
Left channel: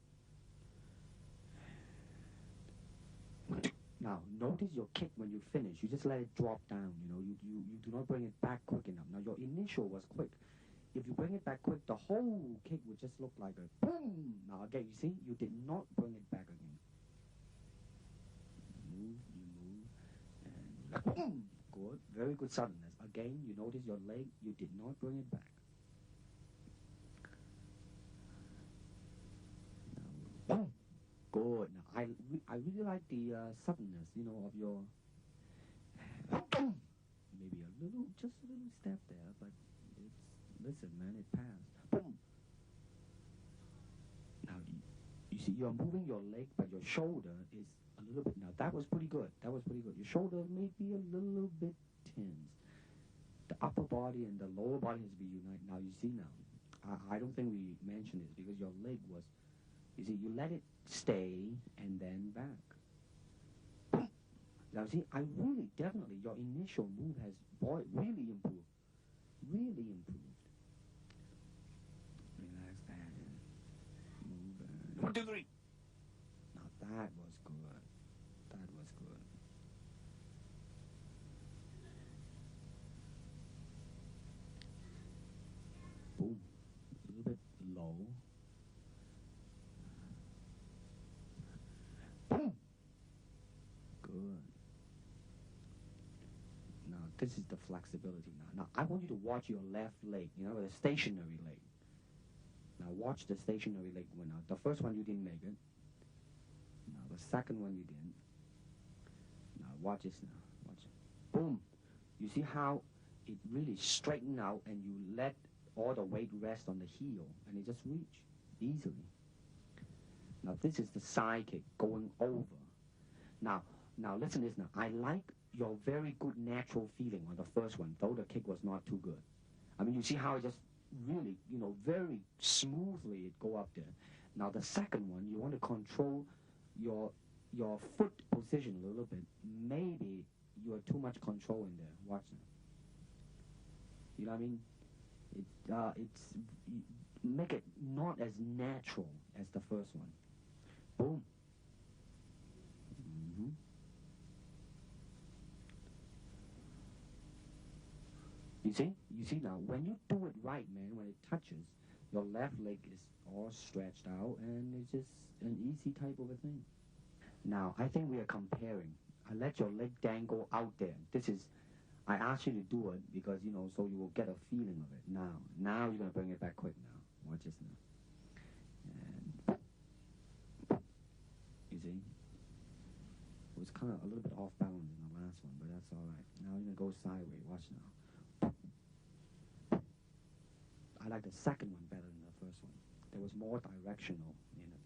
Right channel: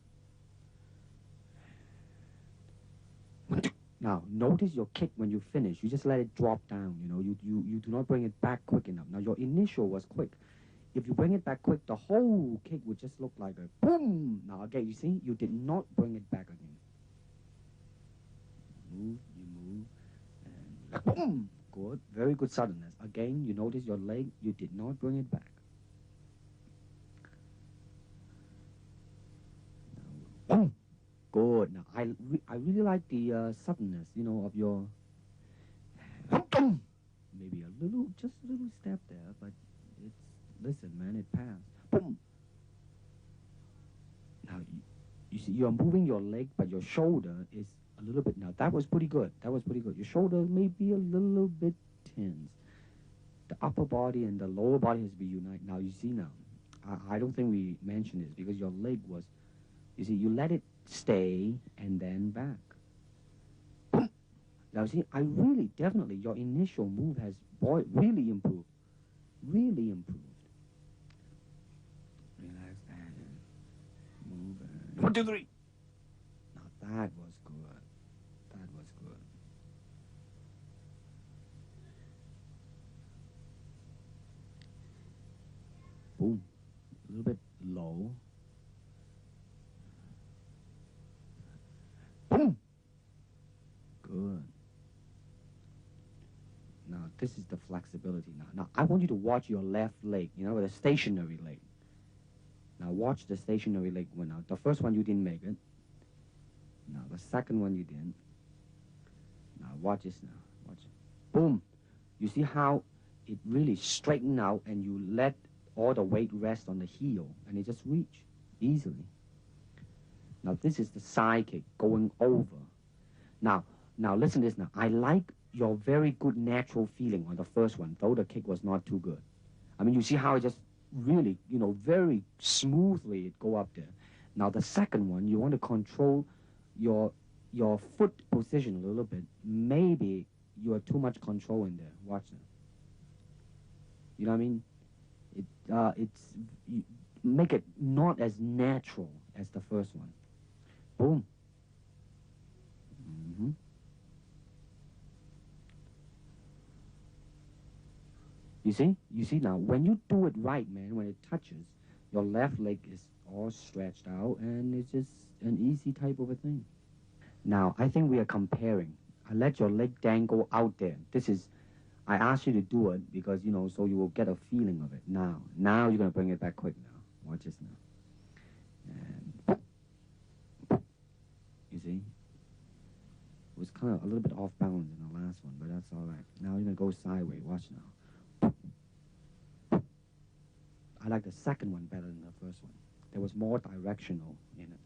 Now, notice your kick when you finish. You just let it drop down, you do not bring it back quick enough. Now, your initial was quick. If you bring it back quick, the whole kick would just look like a boom. Now, again, you see, you did not bring it back again. You move, and boom. Good, very good suddenness. Again, you notice your leg, you did not bring it back. Now, boom. Good. Now, I really like the suddenness, of your... Maybe just a little step there, but listen, man, it passed. Boom. Now, you see, you're moving your leg, but your shoulder is a little bit. Now, that was pretty good. Your shoulder may be a little bit tense. The upper body and the lower body has to be united. Now, you see now, I don't think we mentioned this because your leg was, you see, you let it stay and then back. Now, see, I really, definitely, your initial move has, really improved. Really improved. Relax and move. 1, 2, 3. Now, that was good. That was good. Boom. A little bit low. Boom. Good. Now, this is the flexibility now. Now, I want you to watch your left leg, with a stationary leg. Now, watch the stationary leg one out. The first one, you didn't make it. Now, the second one, you didn't. Now, watch this now. Watch it. Boom. You see how it really straightened out and you let all the weight rest on the heel and it just reach easily. Now, this is the side kick going over. Now, listen to this now. I like your very good natural feeling on the first one, though the kick was not too good. I mean, you see how it just really, very smoothly it go up there. Now, the second one, you want to control your foot position a little bit. Maybe you are too much control in there. Watch that. You know what I mean? Make it not as natural as the first one. Boom. Mm-hmm. You see now, when you do it right, man, when it touches, your left leg is all stretched out and it's just an easy type of a thing. Now, I think we are comparing. I let your leg dangle out there. I asked you to do it because, so you will get a feeling of it. Now you're going to bring it back quick now. Watch this now. And you see? It was kind of a little bit off balance in the last one, but that's all right. Now you're going to go sideways. Watch now. I like the second one better than the first one. There was more directional in it.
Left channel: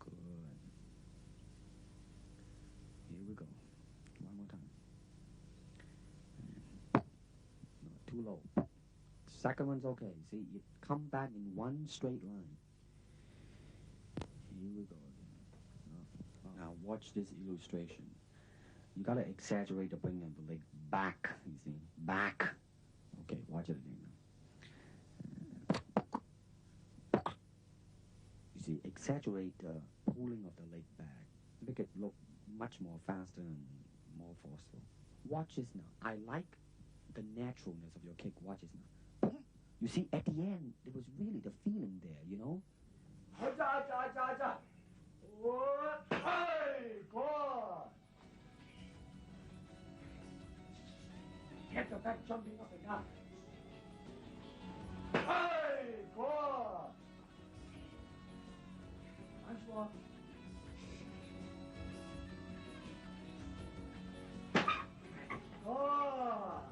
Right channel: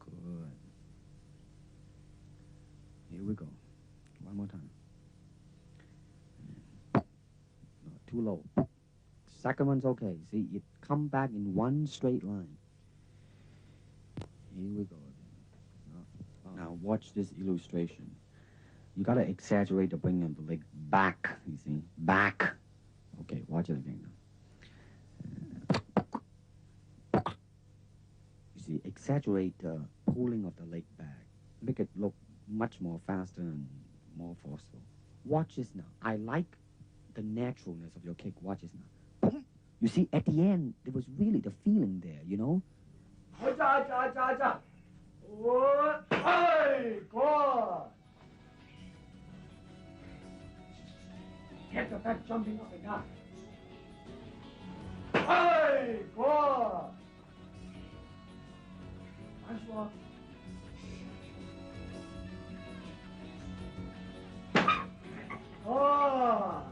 Good. Here we go. One more time. No, too low. Second one's okay. See, it come back in one straight line. Here we go again. Now watch this illustration. You gotta exaggerate the bringing of the leg back, you see? Back. Okay, watch it again now. You see, exaggerate the pulling of the leg back. Make it look much more faster and more forceful. Watch this now. I like the naturalness of your kick. Watch this now. Boom. You see, at the end, there was really the feeling there, you know? Get the back jumping up and down. Hey, good. Nice one. Oh.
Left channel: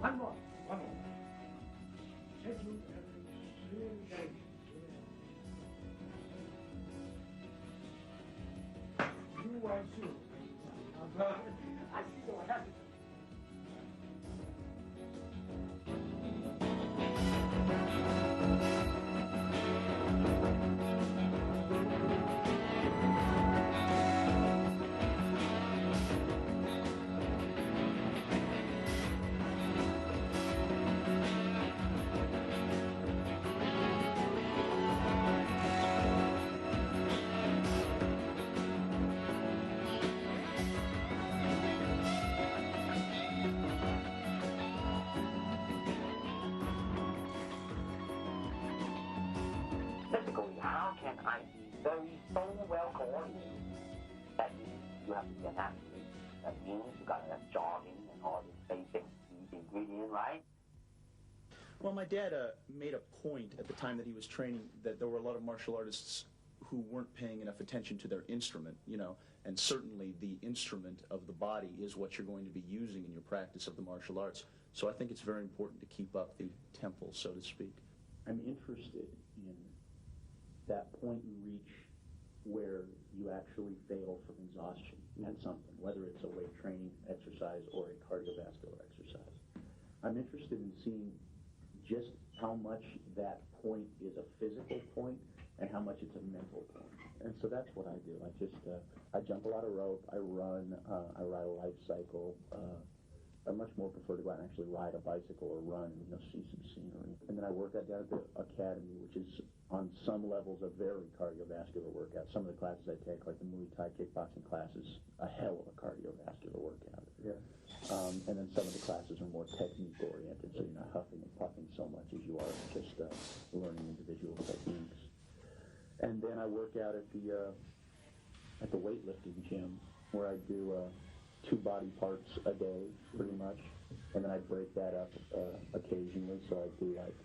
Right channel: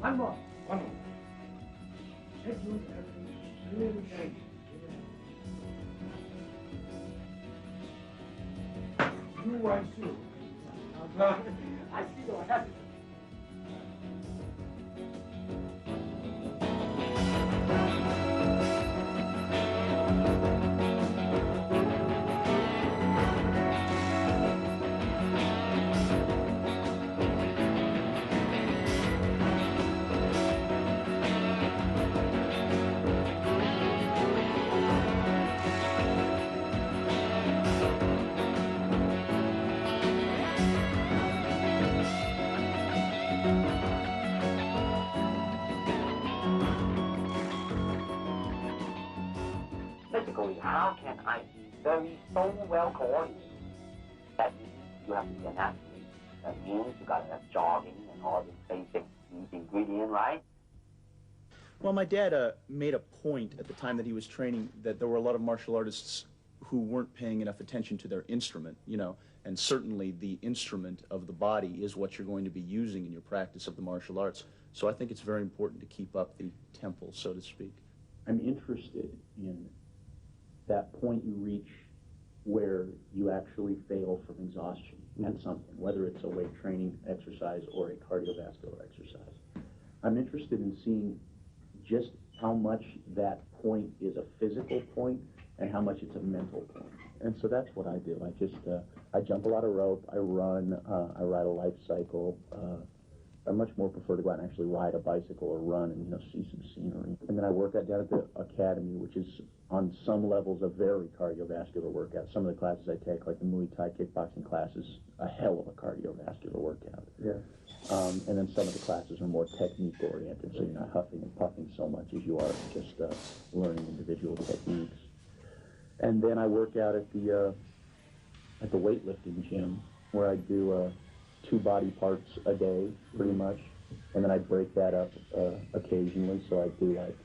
One more. One more. You want to? I see your happy. Basically, how can I be so well coordinated? That means you have to be an athlete. That means you gotta have jogging and all these basic ingredients, right? Well, my dad made a point at the time that he was training that there were a lot of martial artists who weren't paying enough attention to their instrument, you know, and certainly the instrument of the body is what you're going to be using in your practice of the martial arts. So I think it's very important to keep up the tempo, so to speak. I'm interested in that point you reach where you actually fail from exhaustion at something, whether it's a weight training exercise or a cardiovascular exercise. I'm interested in seeing just how much that point is a physical point and how much it's a mental point. And so that's what I do. I jump a lot of rope, I run, I ride a life cycle. I much more prefer to go out and actually ride a bicycle or run and, you know, see some scenery. And then I work out down at the academy, which is on some levels a very cardiovascular workout. Some of the classes I take, like the Muay Thai kickboxing classes, a hell of a cardiovascular workout. Yeah. And then some of the classes are more technique oriented, so you're not huffing and puffing so much as you are just learning individual techniques. And then I work out at the weightlifting gym, where I do 2 body parts a day, pretty much, and then I break that up occasionally. So I do like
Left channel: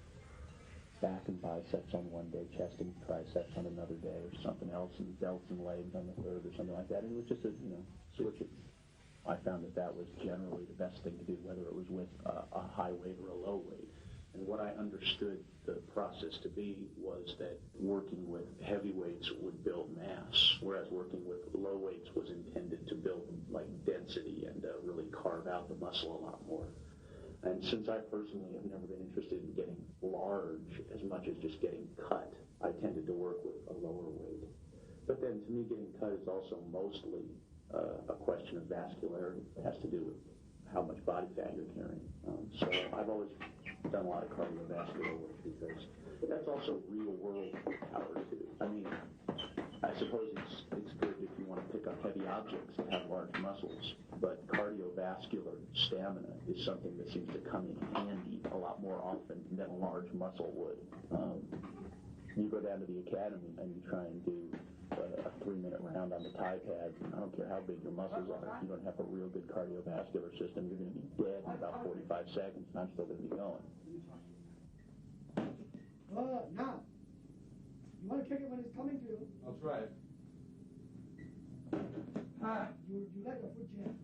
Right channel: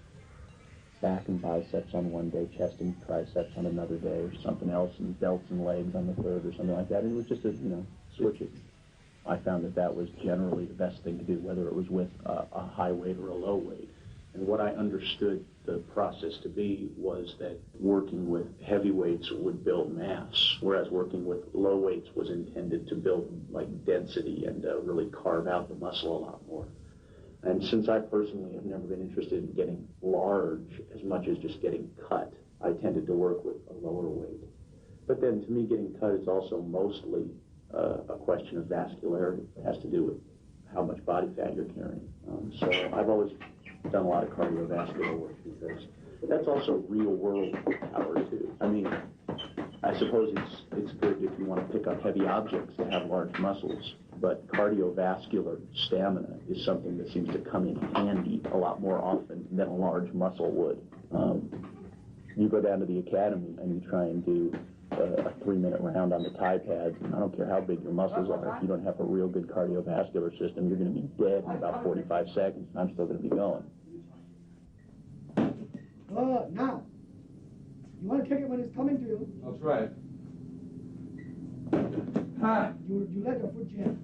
back and biceps on one day, chest and triceps on another day, or something else, and delts and legs on the third, or something like that. And it was just switch it. I found that was generally the best thing to do, whether it was with a high weight or a low weight. And what I understood the process to be was that working with heavy weights would build mass, whereas working with low weights was intended to build like density and really carve out the muscle a lot more. And since I personally have never been interested in getting large as much as just getting cut, I tended to work with a lower weight. But then to me, getting cut is also mostly a question of vascularity. It has to do with how much body fat you're carrying. So I've always done a lot of cardiovascular work because that's also real world power too. I mean, I suppose it's good if you want to pick up heavy objects to have large muscles, but cardiovascular stamina is something that seems to come in handy a lot more often than a large muscle would. You go down to the academy and you try and do a 3-minute round on the Thai pads, and I don't care how big your muscles are, if you don't have a real good cardiovascular system, you're going to be dead in about 45 seconds, and I'm still going to be going. Now, you want to kick it when it's coming to you. I'll try it. You let your foot jam.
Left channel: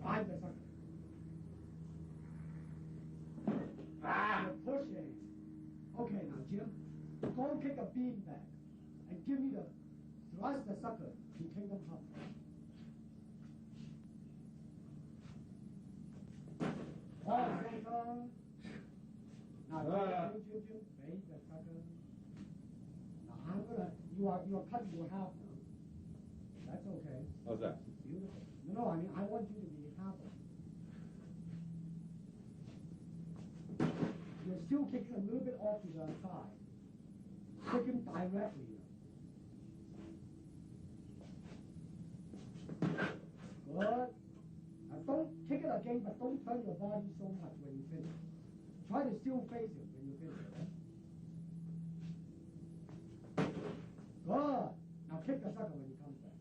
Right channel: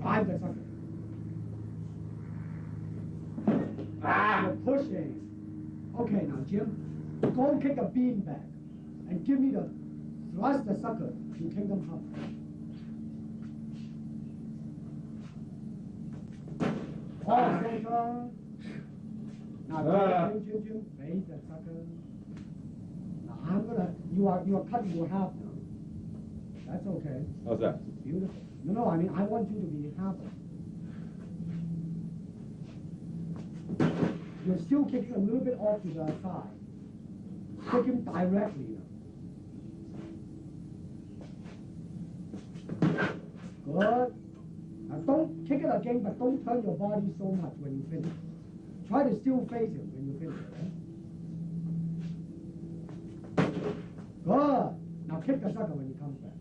Drive the sucker. You're pushing. Okay, now, Jim, go and kick a bean back and give me the thrust the sucker to Kingdom Hub. Oh, center. Now, Jim, raise the sucker. Now, you are cutting your half now. That's okay. How's that? Beautiful. No, I mean, I want you to be happy. You're still kicking a little bit off to the side. Kick him directly. Good. Now don't kick it again, but don't turn your body so much when you finish. Try to still face him when you finish, okay? Good. Now kick the sucker when he comes back.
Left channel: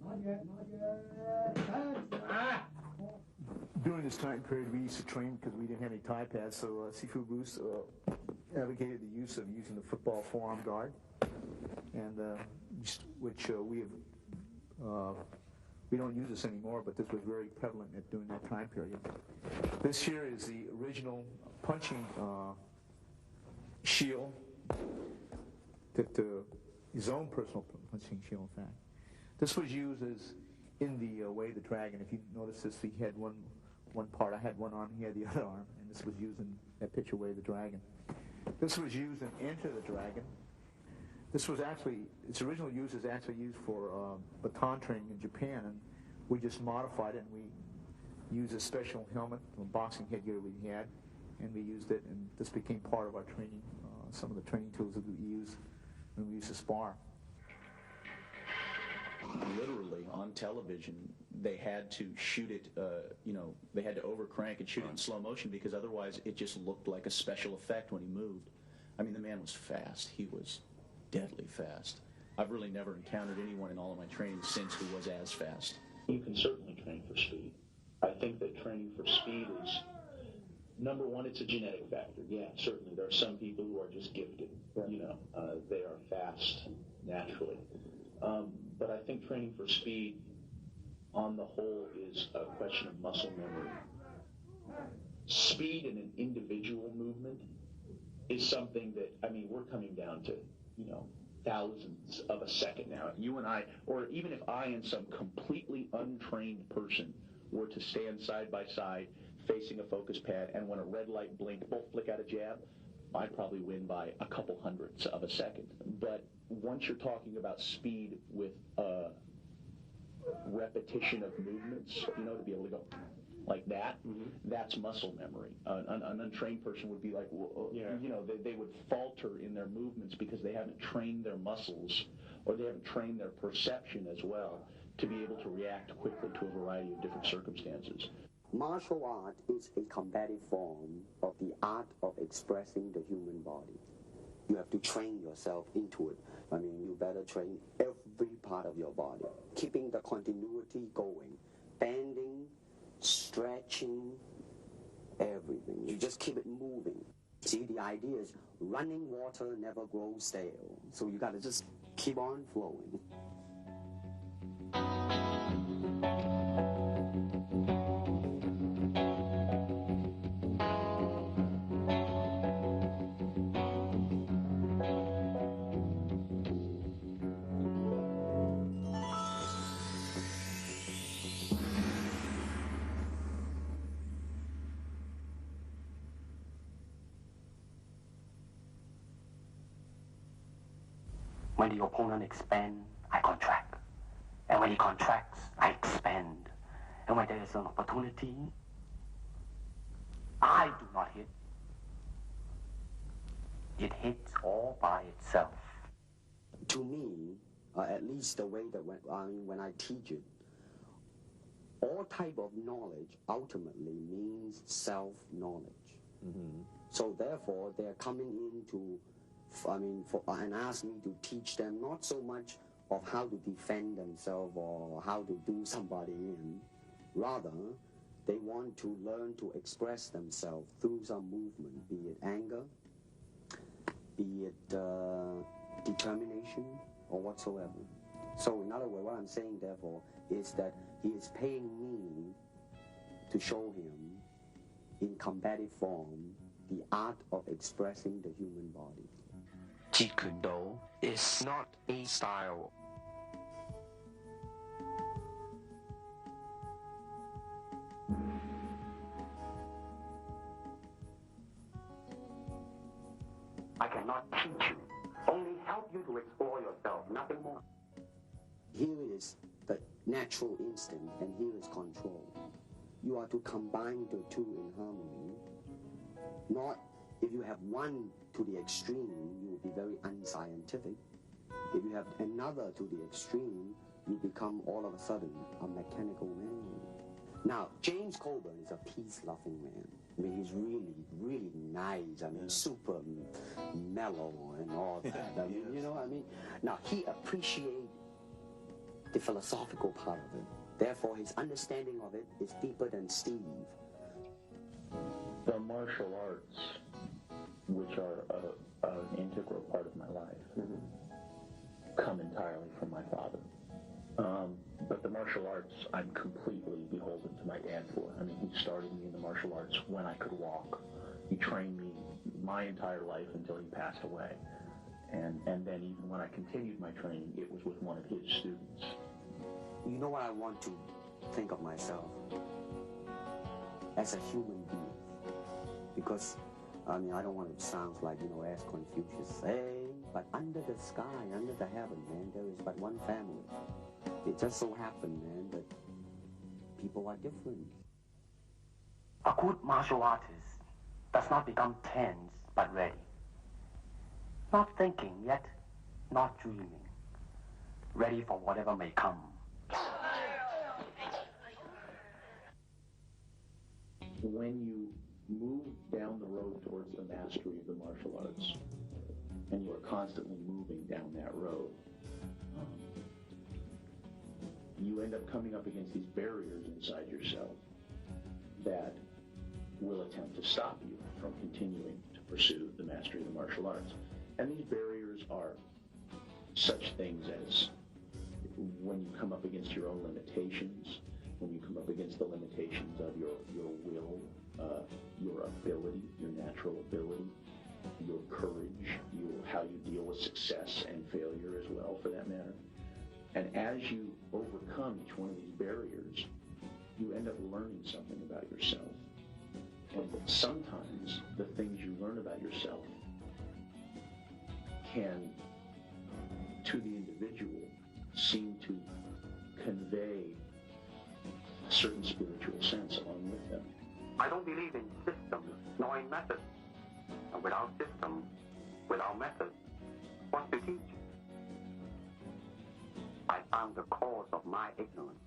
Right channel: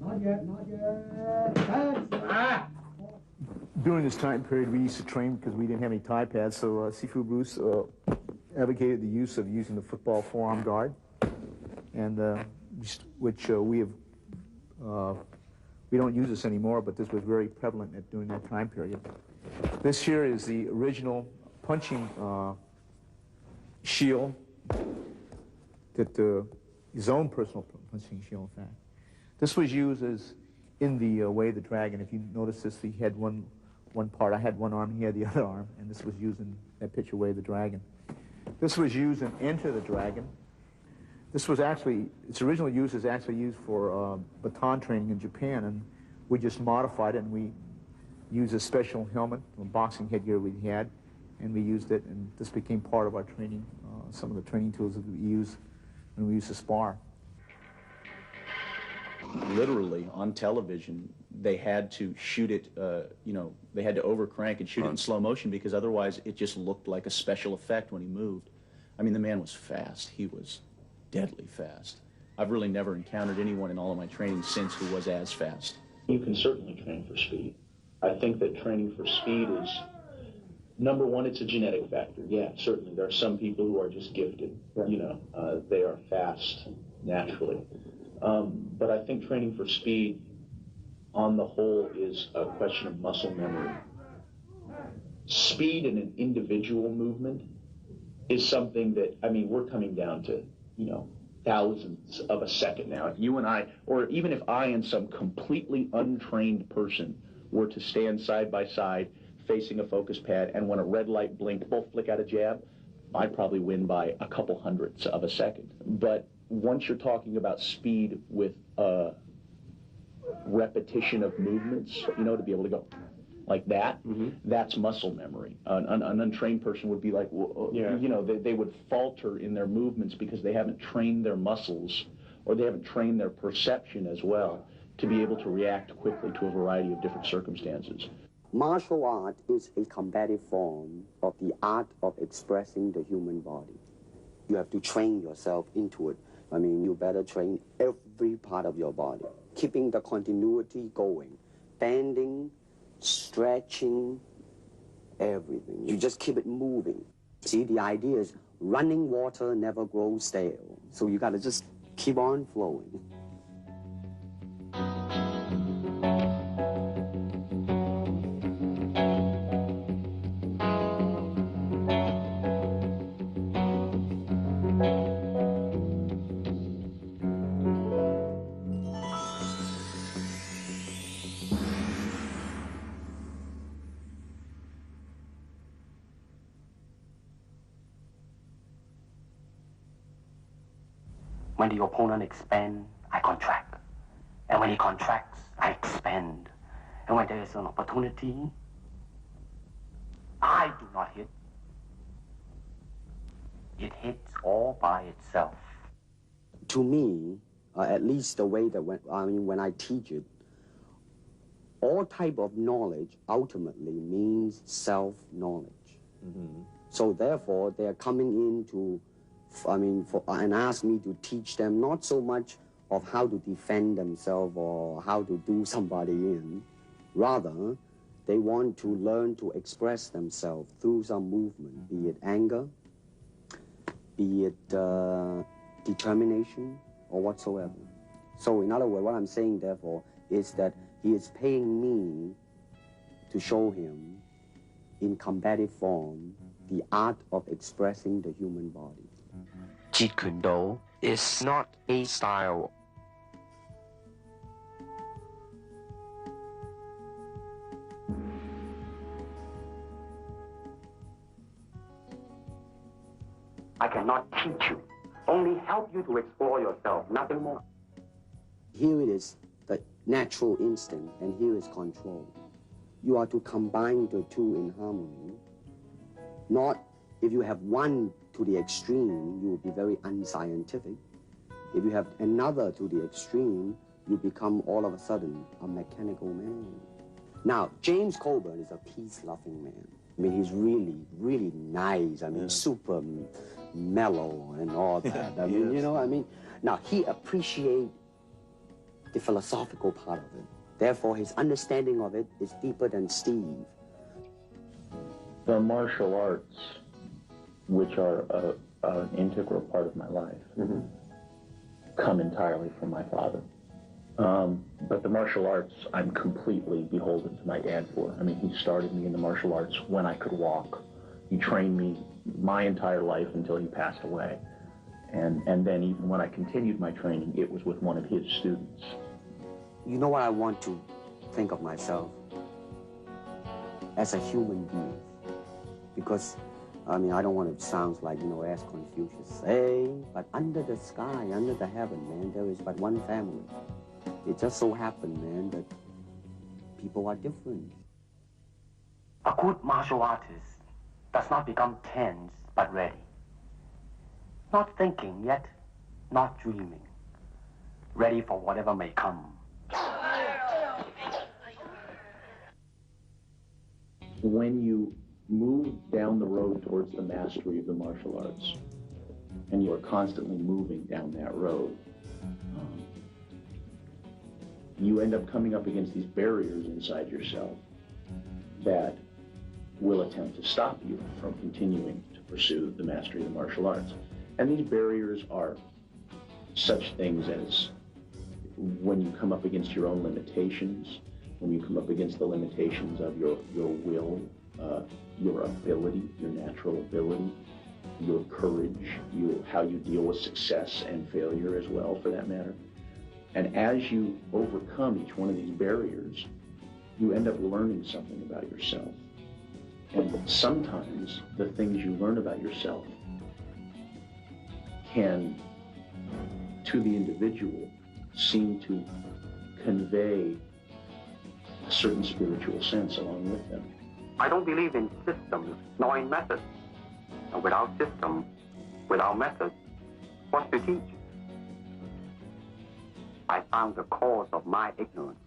Not yet, not yet. That's it. Ah! During this time period, we used to train because we didn't have any Thai pads, so Sifu Bruce advocated the use of using the football forearm guard, and which we don't use this anymore, but this was very prevalent during that time period. This here is the original punching shield, his own personal punching shield, in fact. This was used as in the Way of the Dragon. If you notice this, he had one part. I had one arm, he had the other arm, and this was used in that picture, Way of the Dragon. This was used in Enter the Dragon. This was actually, its original use is actually used for baton training in Japan, and we just modified it, and we used a special helmet, a boxing headgear we had, and we used it, and this became part of our training, some of the training tools that we use when we used to spar. Literally, on television, they had to shoot it, they had to overcrank and shoot it in slow motion because otherwise it just looked like a special effect when he moved. I mean, the man was fast. He was deadly fast. I've really never encountered anyone in all of my training since who was as fast. You can certainly train for speed. I think that training for speed is, number one, it's a genetic factor. Yeah, certainly. There are some people who are just gifted. They are fast naturally. But I think training for speed, on the whole, is a question of muscle memory. Speed in an individual movement is something that, I mean, we're coming down to, thousandths of a second now. If you and I, or even if I and some completely untrained person were to stand side by side facing a focus pad, and when a red light blinked, both flick out a jab, I'd probably win by a couple hundredths of a second. But once you're talking about speed with repetition of movements, to be able to go like that, that's muscle memory. An untrained person would be like, they would falter in their movements because they haven't trained their muscles, or they haven't trained their perception as well to be able to react quickly to a variety of different circumstances. Martial art is a combative form of the art of expressing the human body. You have to train yourself into it. I mean, you better train every part of your body, keeping the continuity going, bending, stretching, everything. You just keep it moving. See, the idea is running water never grows stale. So you got to just keep on flowing. When the opponent expands, I contract. And when he contracts, I expand. And when there is an opportunity, I do not hit. It hits all by itself. To me, at least the way that when I teach it, all type of knowledge ultimately means self-knowledge. So therefore, they're coming in to and ask me to teach them not so much of how to defend themselves or how to do somebody in. Rather, they want to learn to express themselves through some movement, be it anger, be it determination, or whatsoever. So in other words, what I'm saying, therefore, is that he is paying me to show him in combative form the art of expressing the human body. Jeet Kune Do is not a style. I cannot teach you, only help you to explore yourself, nothing more. Here it is, the natural instinct, and here is control. You are to combine the two in harmony. Not if you have one to the extreme, you will be very unscientific. If you have another to the extreme, you become all of a sudden a mechanical man. Now, James Coburn is a peace-loving man. I mean, he's really, really nice. I mean, super mellow and all that. I mean, you know, I mean, now he appreciates the philosophical part of it. Therefore, his understanding of it is deeper than Steve. The martial arts, which are an integral part of my life, come entirely from my father. But the martial arts, I'm completely beholden to my dad for. I mean, he started me in the martial arts when I could walk. He trained me my entire life until he passed away. And then even when I continued my training, it was with one of his students. You know what I want to think of myself? As a human being. Because, I mean, I don't want to sound like, you know, as Confucius say, but under the sky, under the heaven, man, there is but one family. It just so happened, man, that people are different. A good martial artist does not become tense, but ready. Not thinking yet, not dreaming. Ready for whatever may come. When you move down the road towards the mastery of the martial arts, and you are constantly moving down that road, you end up coming up against these barriers inside yourself that will attempt to stop you from continuing to pursue the mastery of the martial arts. And these barriers are such things as when you come up against your own limitations, when you come up against the limitations of your will, your ability, your natural ability, your courage, how you deal with success and failure as well, for that matter. And as you overcome each one of these barriers, you end up learning something about yourself. And sometimes the things you learn about yourself can, to the individual, seem to convey a certain spiritual sense along with them. I don't believe in systems, nor in methods. And without system, without method, what's to teach? I found the cause of my ignorance.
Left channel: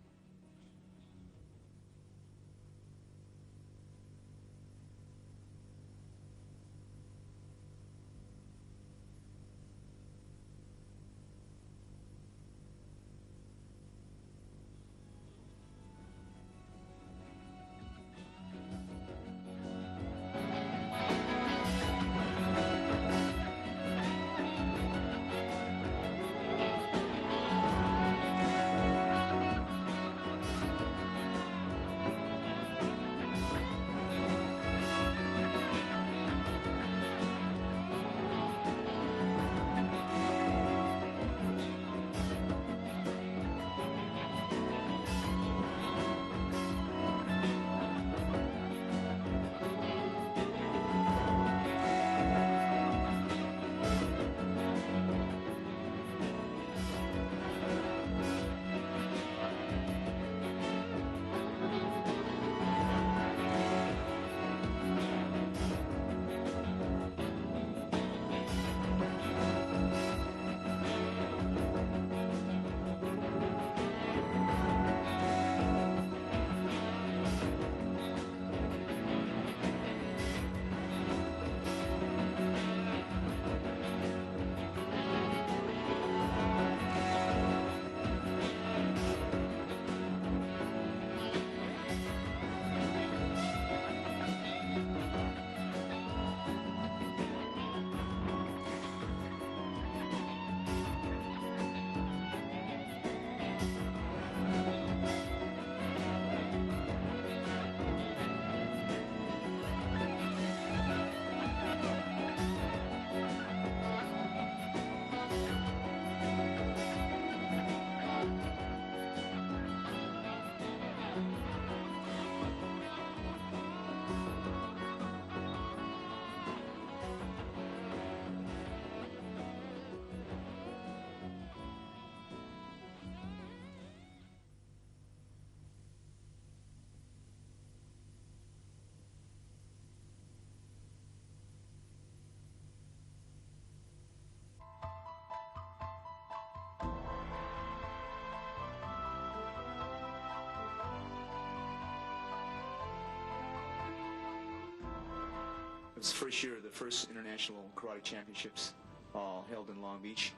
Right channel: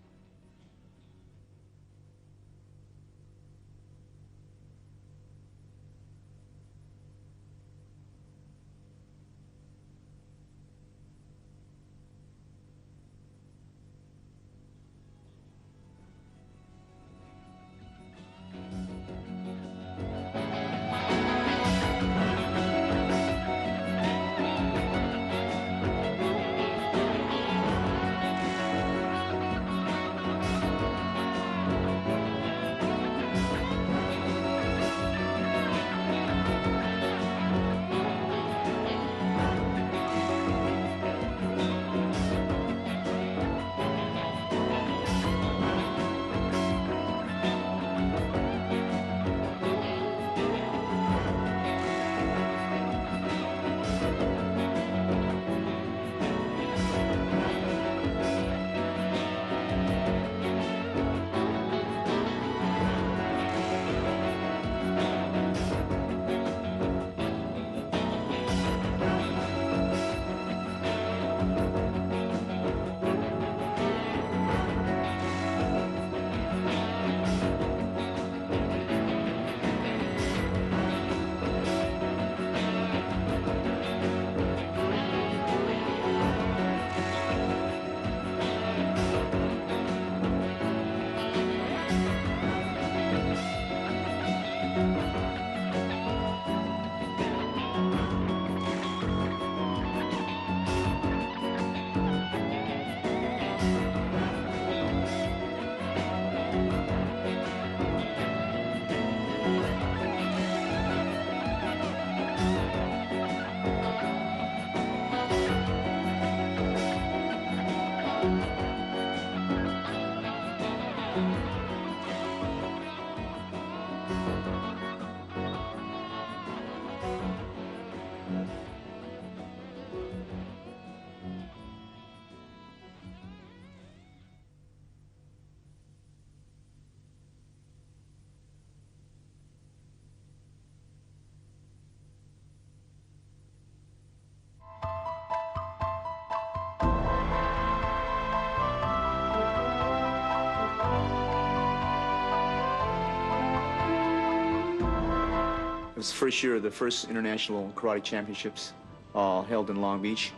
was the first year of the first international karate championships held in Long Beach,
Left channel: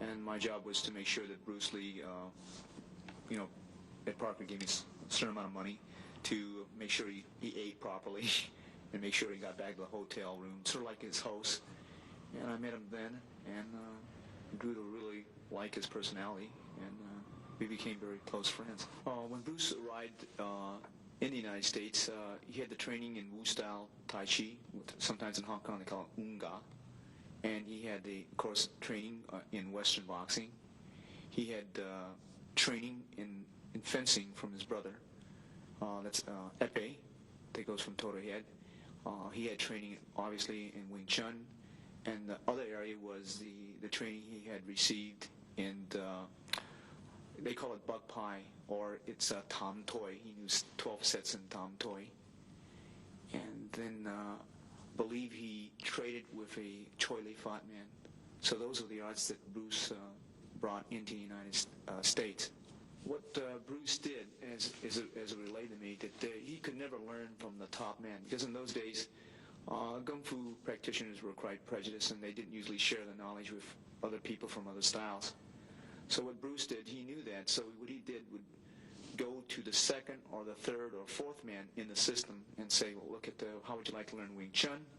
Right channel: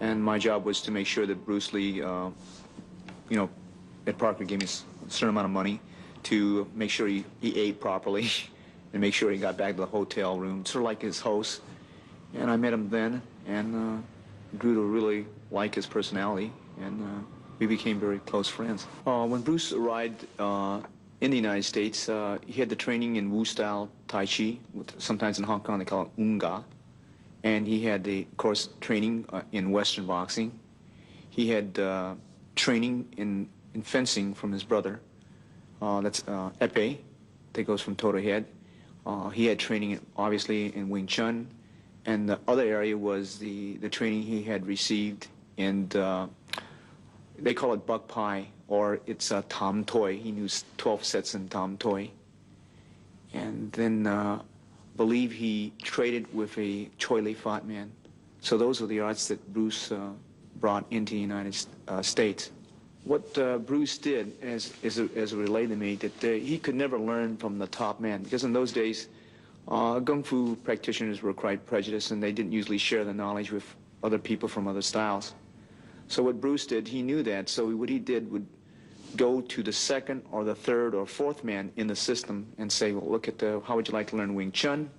and my job was to make sure that Bruce Lee, Ed Parker gave me a certain amount of money to make sure he ate properly and make sure he got back to the hotel room, sort of like his host. And I met him then and grew to really like his personality, and we became very close friends. When Bruce arrived in the United States, he had the training in Wu-style Tai Chi, sometimes in Hong Kong they call it Unga, and he had the, of course, training in Western boxing. He had training in fencing from his brother, that's Epee, that goes from toe to head. He had training, obviously, in Wing Chun, and the other area was the training he had received in, they call it Buk Pai, or it's Tam Toi. He knew 12 sets in Tam Toi. And then I believe he traded with a Choi Li Fat man. So those were the arts that Bruce brought into the United States. What Bruce did, as it relayed to me, that he could never learn from the top man, because in those days, Kung Fu practitioners were quite prejudiced, and they didn't usually share the knowledge with other people from other styles. So what Bruce did, he knew that, so what he did would go to the second or the third or fourth man in the system and say, well, look at how would you like to learn Wing Chun?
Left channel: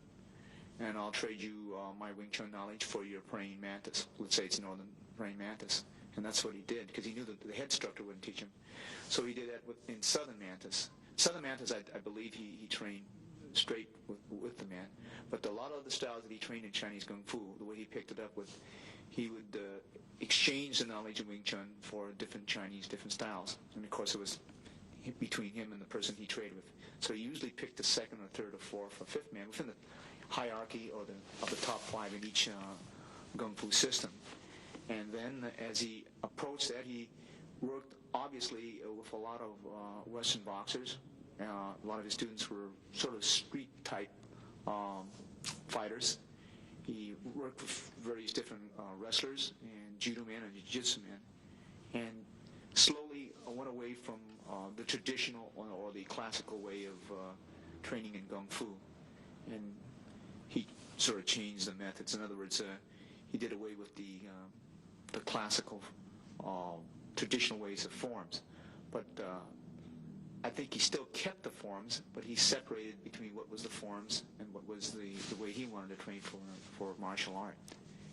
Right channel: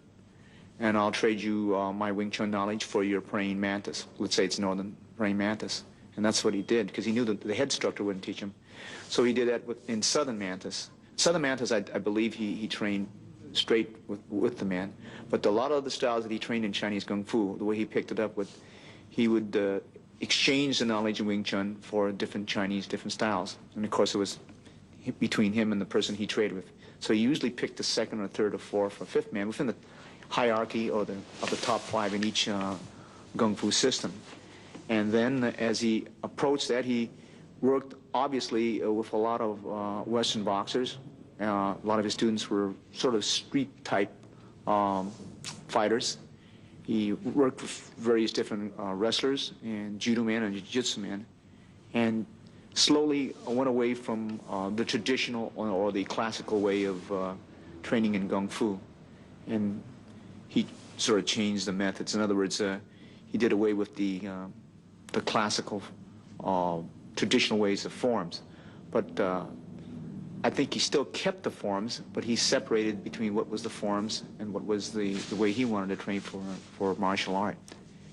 And I'll trade you my Wing Chun knowledge for your praying mantis. Let's say it's Northern praying mantis. And that's what he did, because he knew that the head instructor wouldn't teach him. So he did that in Southern mantis. Southern mantis, I believe he trained straight with the man. But a lot of the styles that he trained in Chinese Kung Fu, the way he picked it up, he would exchange the knowledge of Wing Chun for different styles. And of course it was between him and the person he traded with. So he usually picked the second or third or fourth or fifth man within the hierarchy or of the top five in each Kung Fu system. And then as he approached that, he worked obviously with a lot of Western boxers. A lot of his students were sort of street type fighters. He worked with various different wrestlers and judo man and jiu-jitsu man, and slowly went away from the traditional or the classical way of training in Kung Fu. And he sort of changed the methods. In other words, he did away with the classical traditional ways of forms. But I think he still kept the forms, but he separated between what was the forms and what was the way he wanted to train for martial art.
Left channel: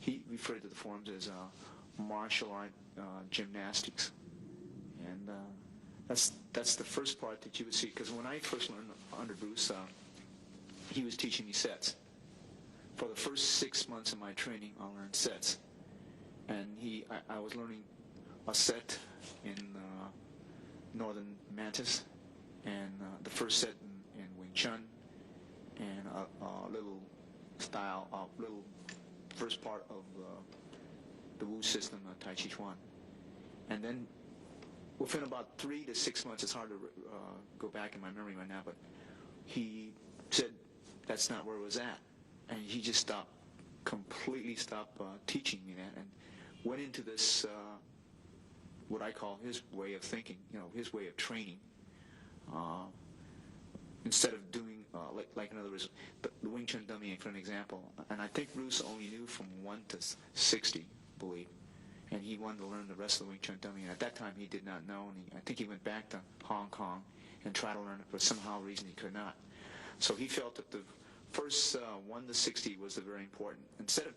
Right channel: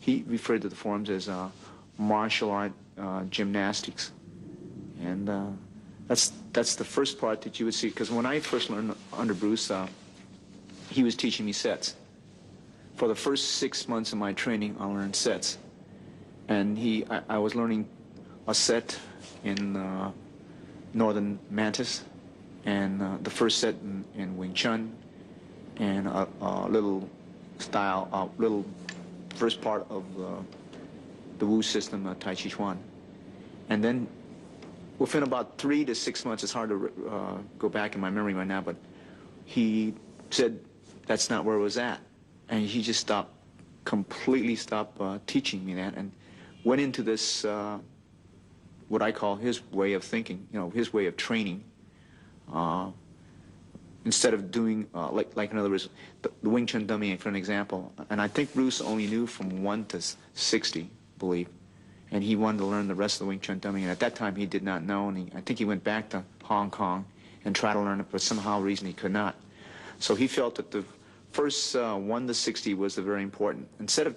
He referred to the forms as martial art gymnastics. And that's the first part that you would see, because when I first learned under Bruce, he was teaching me sets. For the first 6 months of my training, I learned sets. And I was learning a set in Northern Mantis, and the first set in Wing Chun, and a little first part of the Wu system, Tai Chi Chuan. And then within about 3 to 6 months, it's hard to go back in my memory right now, but he said that's not where it was at. And he just completely stopped teaching me that, and went into this, what I call his way of thinking, his way of training. Instead of doing, like in other words, the Wing Chun dummy, for an example. And I think Bruce only knew from 1 to 60, I believe. And he wanted to learn the rest of the Wing Chun dummy. And at that time, he did not know. And I think he went back to Hong Kong and tried to learn it, but somehow reason he could not. So he felt that the first 1 to 60 was the very important. Instead of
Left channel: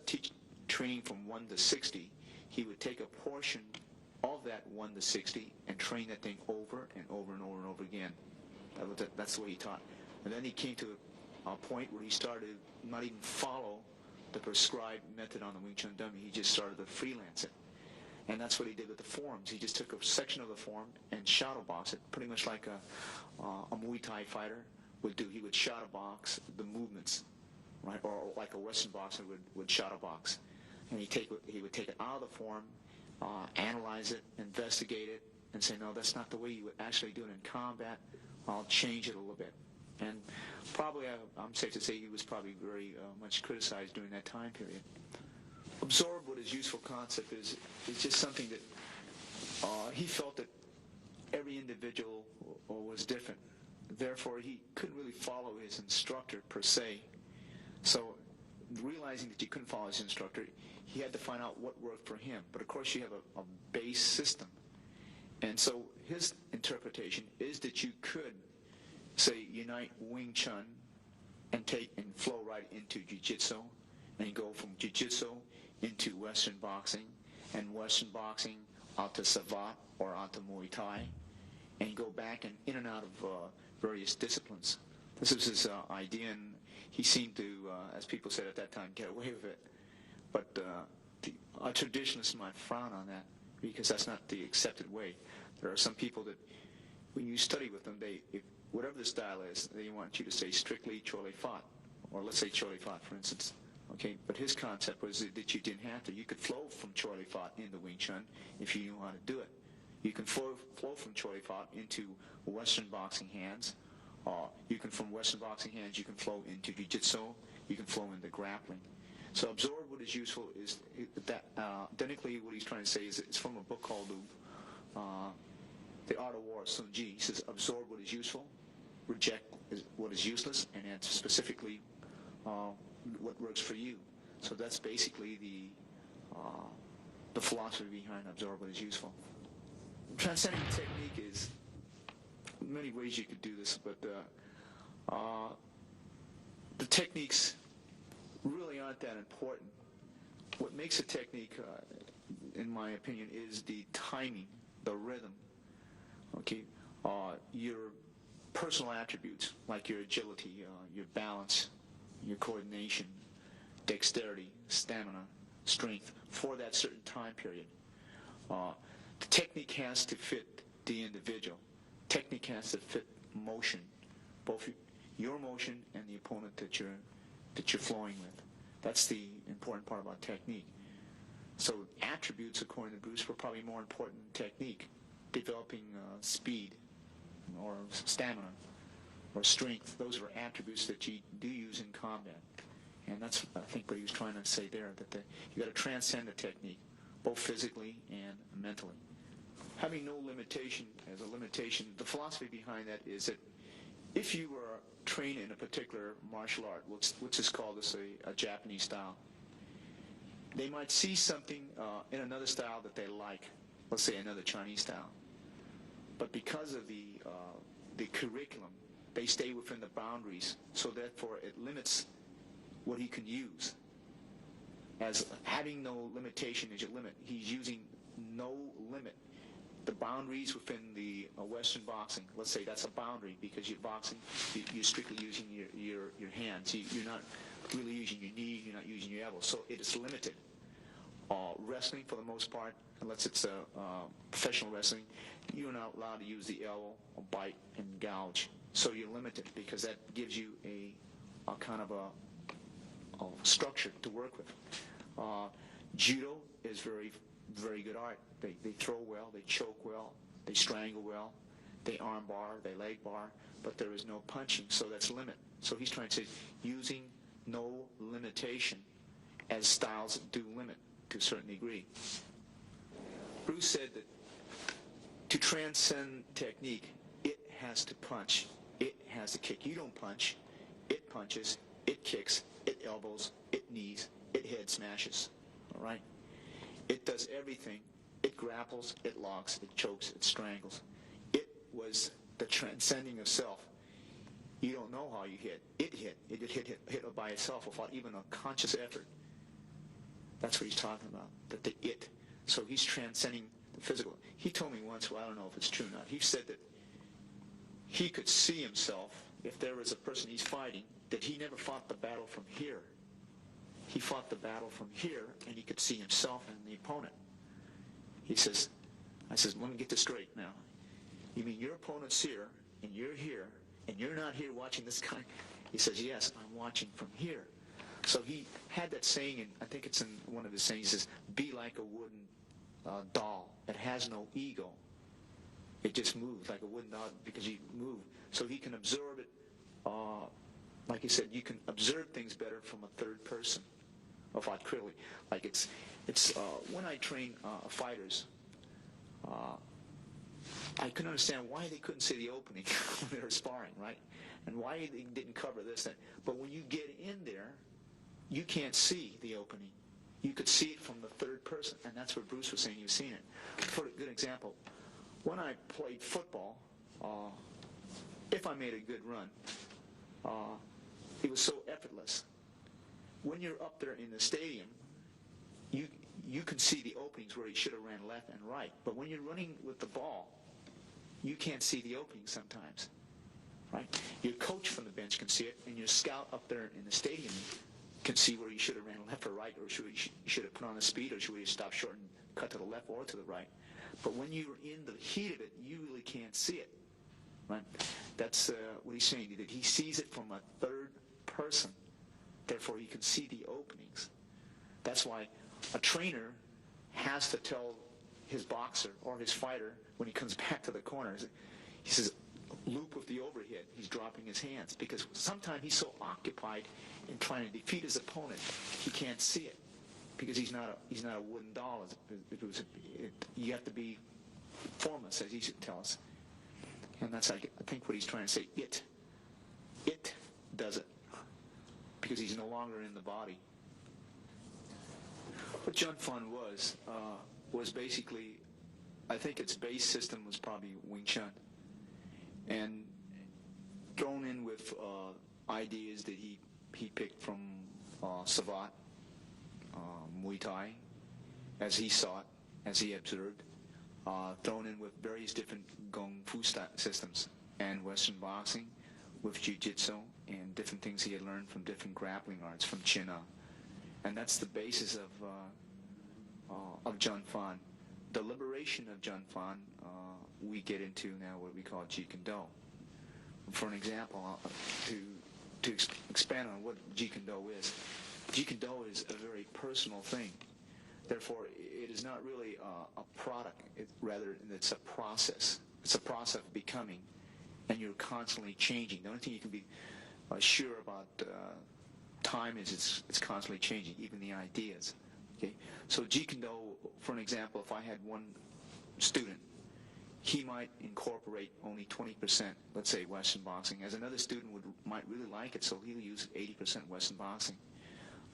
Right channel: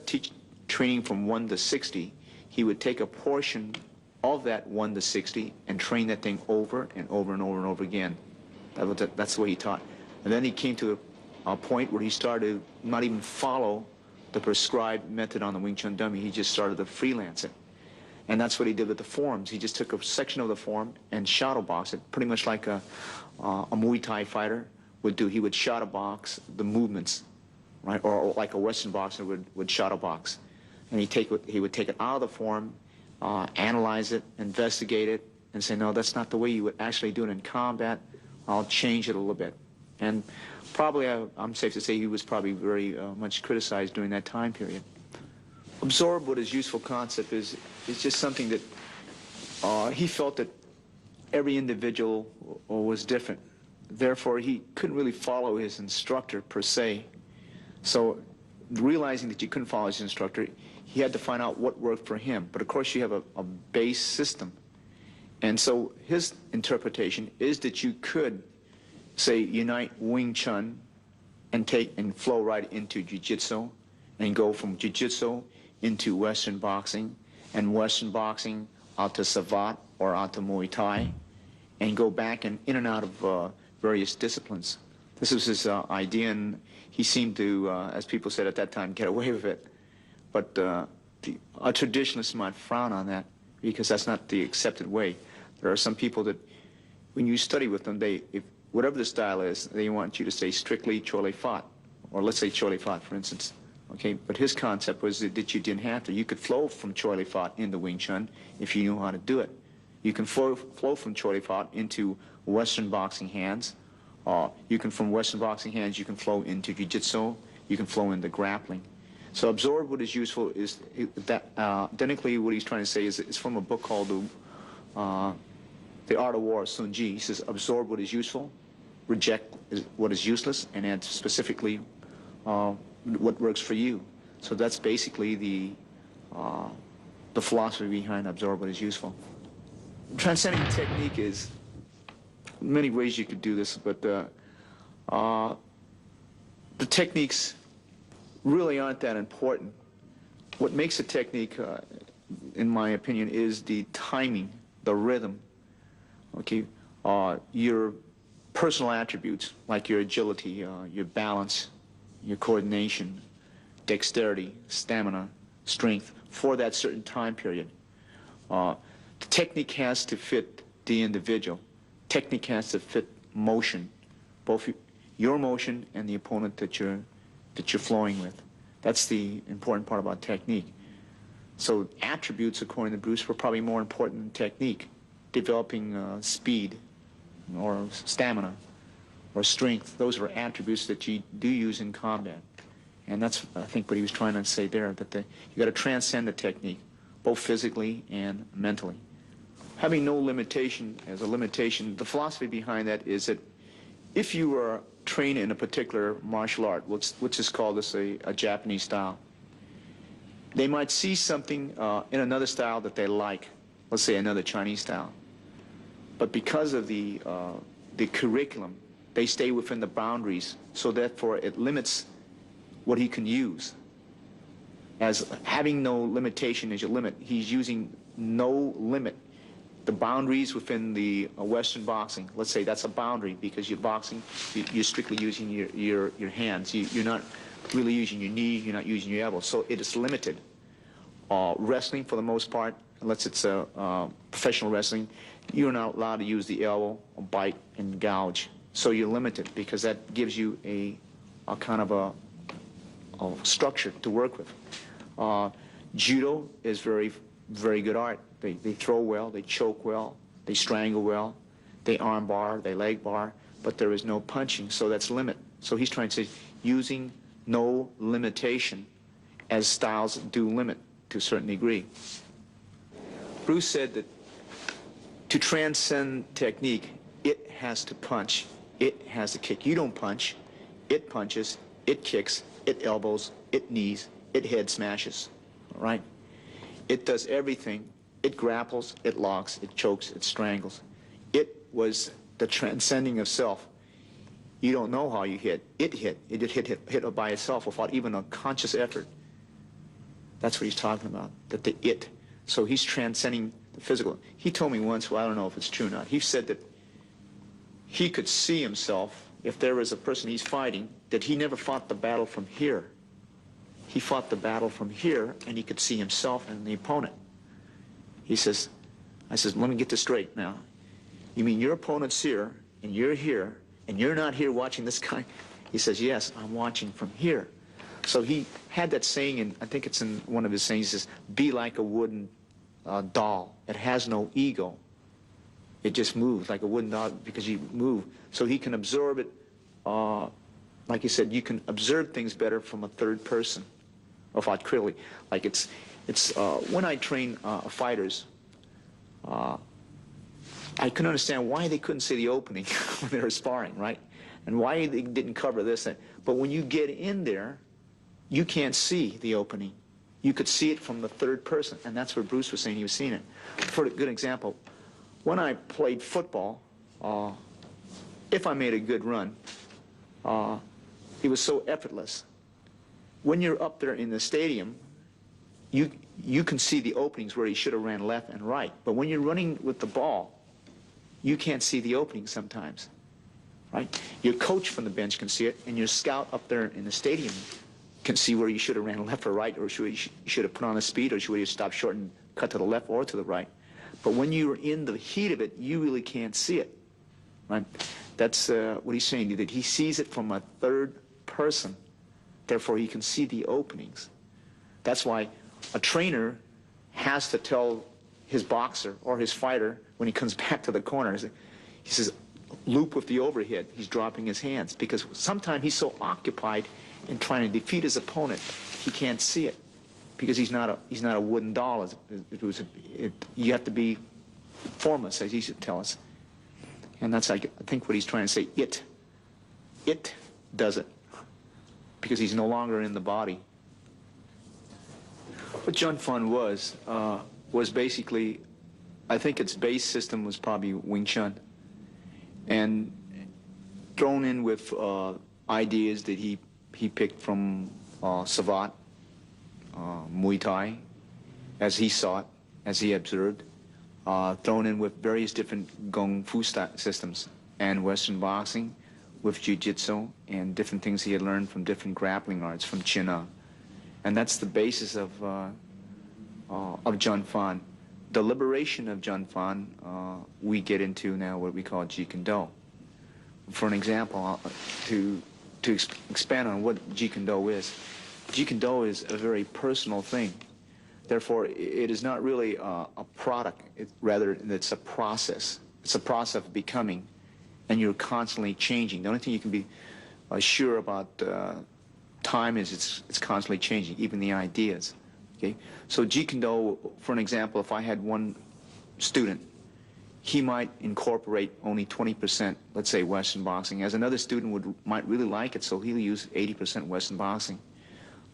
training from 1 to 60, he would take a portion of that 1 to 60 and train that thing over and over and over and over again. That's the way he taught. And then he came to a point where he started to not even follow the prescribed method on the Wing Chun dummy. He just started to freelance it. And that's what he did with the forms. He just took a section of the form and shadow box it, pretty much like a Muay Thai fighter would do. He would shadow box the movements, right? Or like a Western boxer would shadow box. And he would take it out of the form, analyze it, investigate it, and say, no, that's not the way you would actually do it in combat. I'll change it a little bit. And probably, I'm safe to say, he was probably very much criticized during that time period. Absorb what his useful concept is just something that he felt that every individual was different. Therefore, he couldn't really follow his instructor per se. So realizing that you couldn't follow his instructor, he had to find out what worked for him. But of course you have a base system. And so his interpretation is that you could, say, unite Wing Chun and flow right into Jiu-Jitsu, and go from Jiu-Jitsu into Western boxing, and Western boxing out to Savate or out to Muay Thai, and go back and in and out of various disciplines. This was his idea, and he seemed to, as people said at that time, get away with it. But a traditionalist might frown on that, because that's not the accepted way. There are some people that, when you study with them, whatever the style is, they want you to say strictly Chole Fat, or let's say Chole Fat, for instance. Okay, but his concept was that you didn't have to. You could flow from Chole Fat into Wing Chun if you knew how to do it. You can flow from Chole Fat into Western boxing hands. You can, from Western boxing hands, you can flow into Jiu-Jitsu. You can flow into grappling. So absorb what is useful is that identically what he's trying to say is it's from a book called The Art of War, Sun Ji. He says absorb what is useful, reject what is useless, and add specifically what works for you. So that's basically the philosophy behind absorb what is useful. Transcending technique is many ways you could do this, but the techniques really aren't that important. What makes a technique, in my opinion, is the timing, the rhythm. Okay, your personal attributes like your agility, your balance, your coordination, dexterity, stamina, strength for that certain time period. The technique has to fit the individual. Technique has to fit motion, both your motion and the opponent that you're flowing with. That's the important part about technique. So attributes, according to Bruce, were probably more important than technique. Developing speed or stamina or strength, those are attributes that you do use in combat. And that's, I think, what he was trying to say there, that you got to transcend the technique, both physically and mentally. Having no limitation as a limitation, the philosophy behind that is that if you are trained in a particular martial art, which is called a Japanese style, they might see something in another style that they like, let's say another Chinese style. But because of the curriculum, they stay within the boundaries, so therefore it limits what he can use. As having no limitation is your limit, he's using no limit. The boundaries within the Western boxing, let's say that's a boundary because you're boxing, you're strictly using your hands. You're not really using your knee, you're not using your elbow, so it is limited. Wrestling, for the most part, unless it's professional wrestling, you're not allowed to use the elbow, bite, and gouge. So you're limited because that gives you a kind of a structure to work with. Judo is very, very good art. They throw well, they choke well, they strangle well, they arm bar, they leg bar, but there is no punching, so that's limit. So he's trying to say using no limitation as styles do limit to a certain degree. Bruce said that to transcend technique, it has to punch, it has to kick. You don't punch, it punches, it kicks, it elbows, it knees, it head smashes, all right? It does everything. It grapples, it locks, it chokes, it strangles. It was the transcending of self. You don't know how you hit. It hit by itself without even a conscious effort. That's what he's talking about, that the it. So he's transcending the physical. He told me once, well, I don't know if it's true or not, he said that he could see himself, if there was a person he's fighting, that he never fought the battle from here. He fought the battle from here, and he could see himself and the opponent. He says, I says, let me get this straight now. You mean your opponent's here, and you're not here watching this guy? He says, yes, I'm watching from here. So he had that saying, and I think it's in one of his sayings, he says, be like a wooden doll. It has no ego. It just moves like a wooden doll because you move. So he can absorb it, like he said, you can observe things better from a third person, without critically. Like it's when I train fighters, I couldn't understand why they couldn't see the opening when they were sparring, right? And why they didn't cover this. But when you get in there, you can't see the opening. You could see it from the third person, and that's where Bruce was saying he was seeing it. For a good example, when I played football, if I made a good run, it was so effortless. When you're up there in the stadium, you can see the openings where he should have ran left and right. But when you're running with the ball, you can't see the openings sometimes, right? Your coach from the bench can see it, and your scout up there in the stadium can see where you should have ran left or right, or you should have put on a speed, or should have stopped short and cut to the left or to the right. But when you're in the heat of it, you really can't see it, right? That's what he's saying, that he sees it from a third person. Therefore, he can see the openings. That's why a trainer has to tell his boxer or his fighter when he comes back to the corner, he says, loop with the overhead. He's dropping his hands because sometimes he's so occupied in trying to defeat his opponent, he can't see it because he's not a wooden doll. You have to be formless, as he should tell us. And that's, I think, what he's trying to say. It does it because he's no longer in the body. What Jun Fan was basically, I think its base system was probably Wing Chun, and thrown in with ideas that he picked from Savate, Muay Thai, as he saw it, as he observed, thrown in with various different Kung Fu systems and Western boxing with Jiu-Jitsu and different things he had learned from different grappling arts from China. And that's the basis of Jun Fan. The liberation of Jun Fan, we get into now what we call Jeet Kune. For an example, to expand on what Jeet Kune is, Jeet Kune is a very personal thing. Therefore, it is not really a product. Rather, it's a process. It's a process of becoming, and you're constantly changing. The only thing you can be sure about time is it's constantly changing, even the ideas. Okay, so Jeet Kune, for an example, if I had one student, he might incorporate only 20%, let's say, Western boxing, as another student might really like it, so he'll use 80% Western boxing.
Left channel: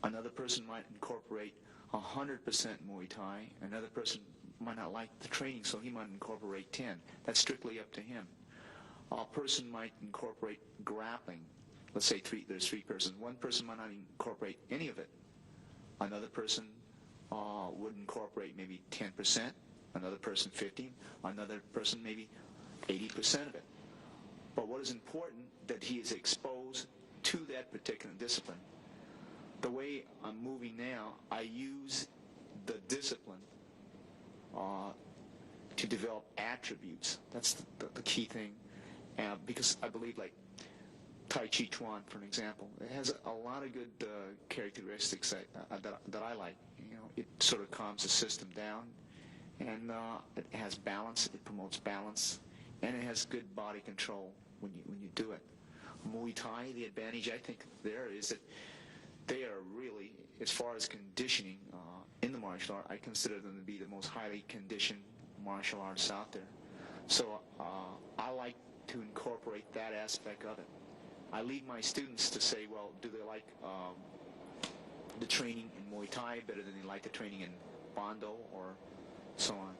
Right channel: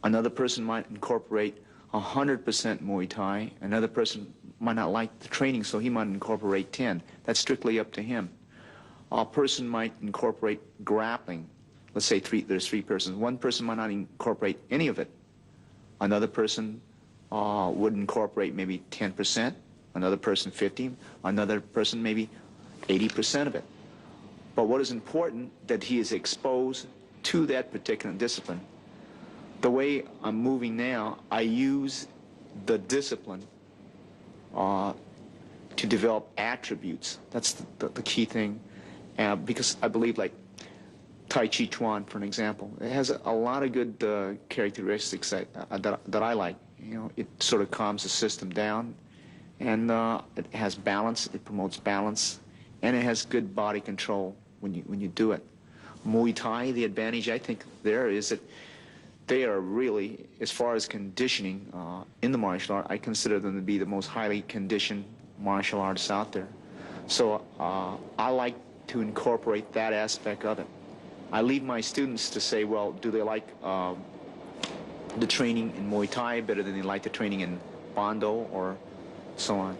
Another person might incorporate 100% Muay Thai. Another person might not like the training, so he might incorporate 10. That's strictly up to him. A person might incorporate grappling. Let's say there's three persons. One person might not incorporate any of it. Another person would incorporate maybe 10%, another person 50%, another person maybe 80% of it. But what is important, that he is exposed to that particular discipline. The way I'm moving now, I use the discipline to develop attributes. That's the key thing, because I believe, like Tai Chi Chuan, for an example, it has a lot of good characteristics that I like. You know, it sort of calms the system down, and it has balance. It promotes balance, and it has good body control when you do it. Muay Thai, the advantage I think there is that they are really, as far as conditioning in the martial art, I consider them to be the most highly conditioned martial arts out there. So I like to incorporate that aspect of it. I leave my students to say, well, do they like the training in Muay Thai better than they like the training in Bando or so on.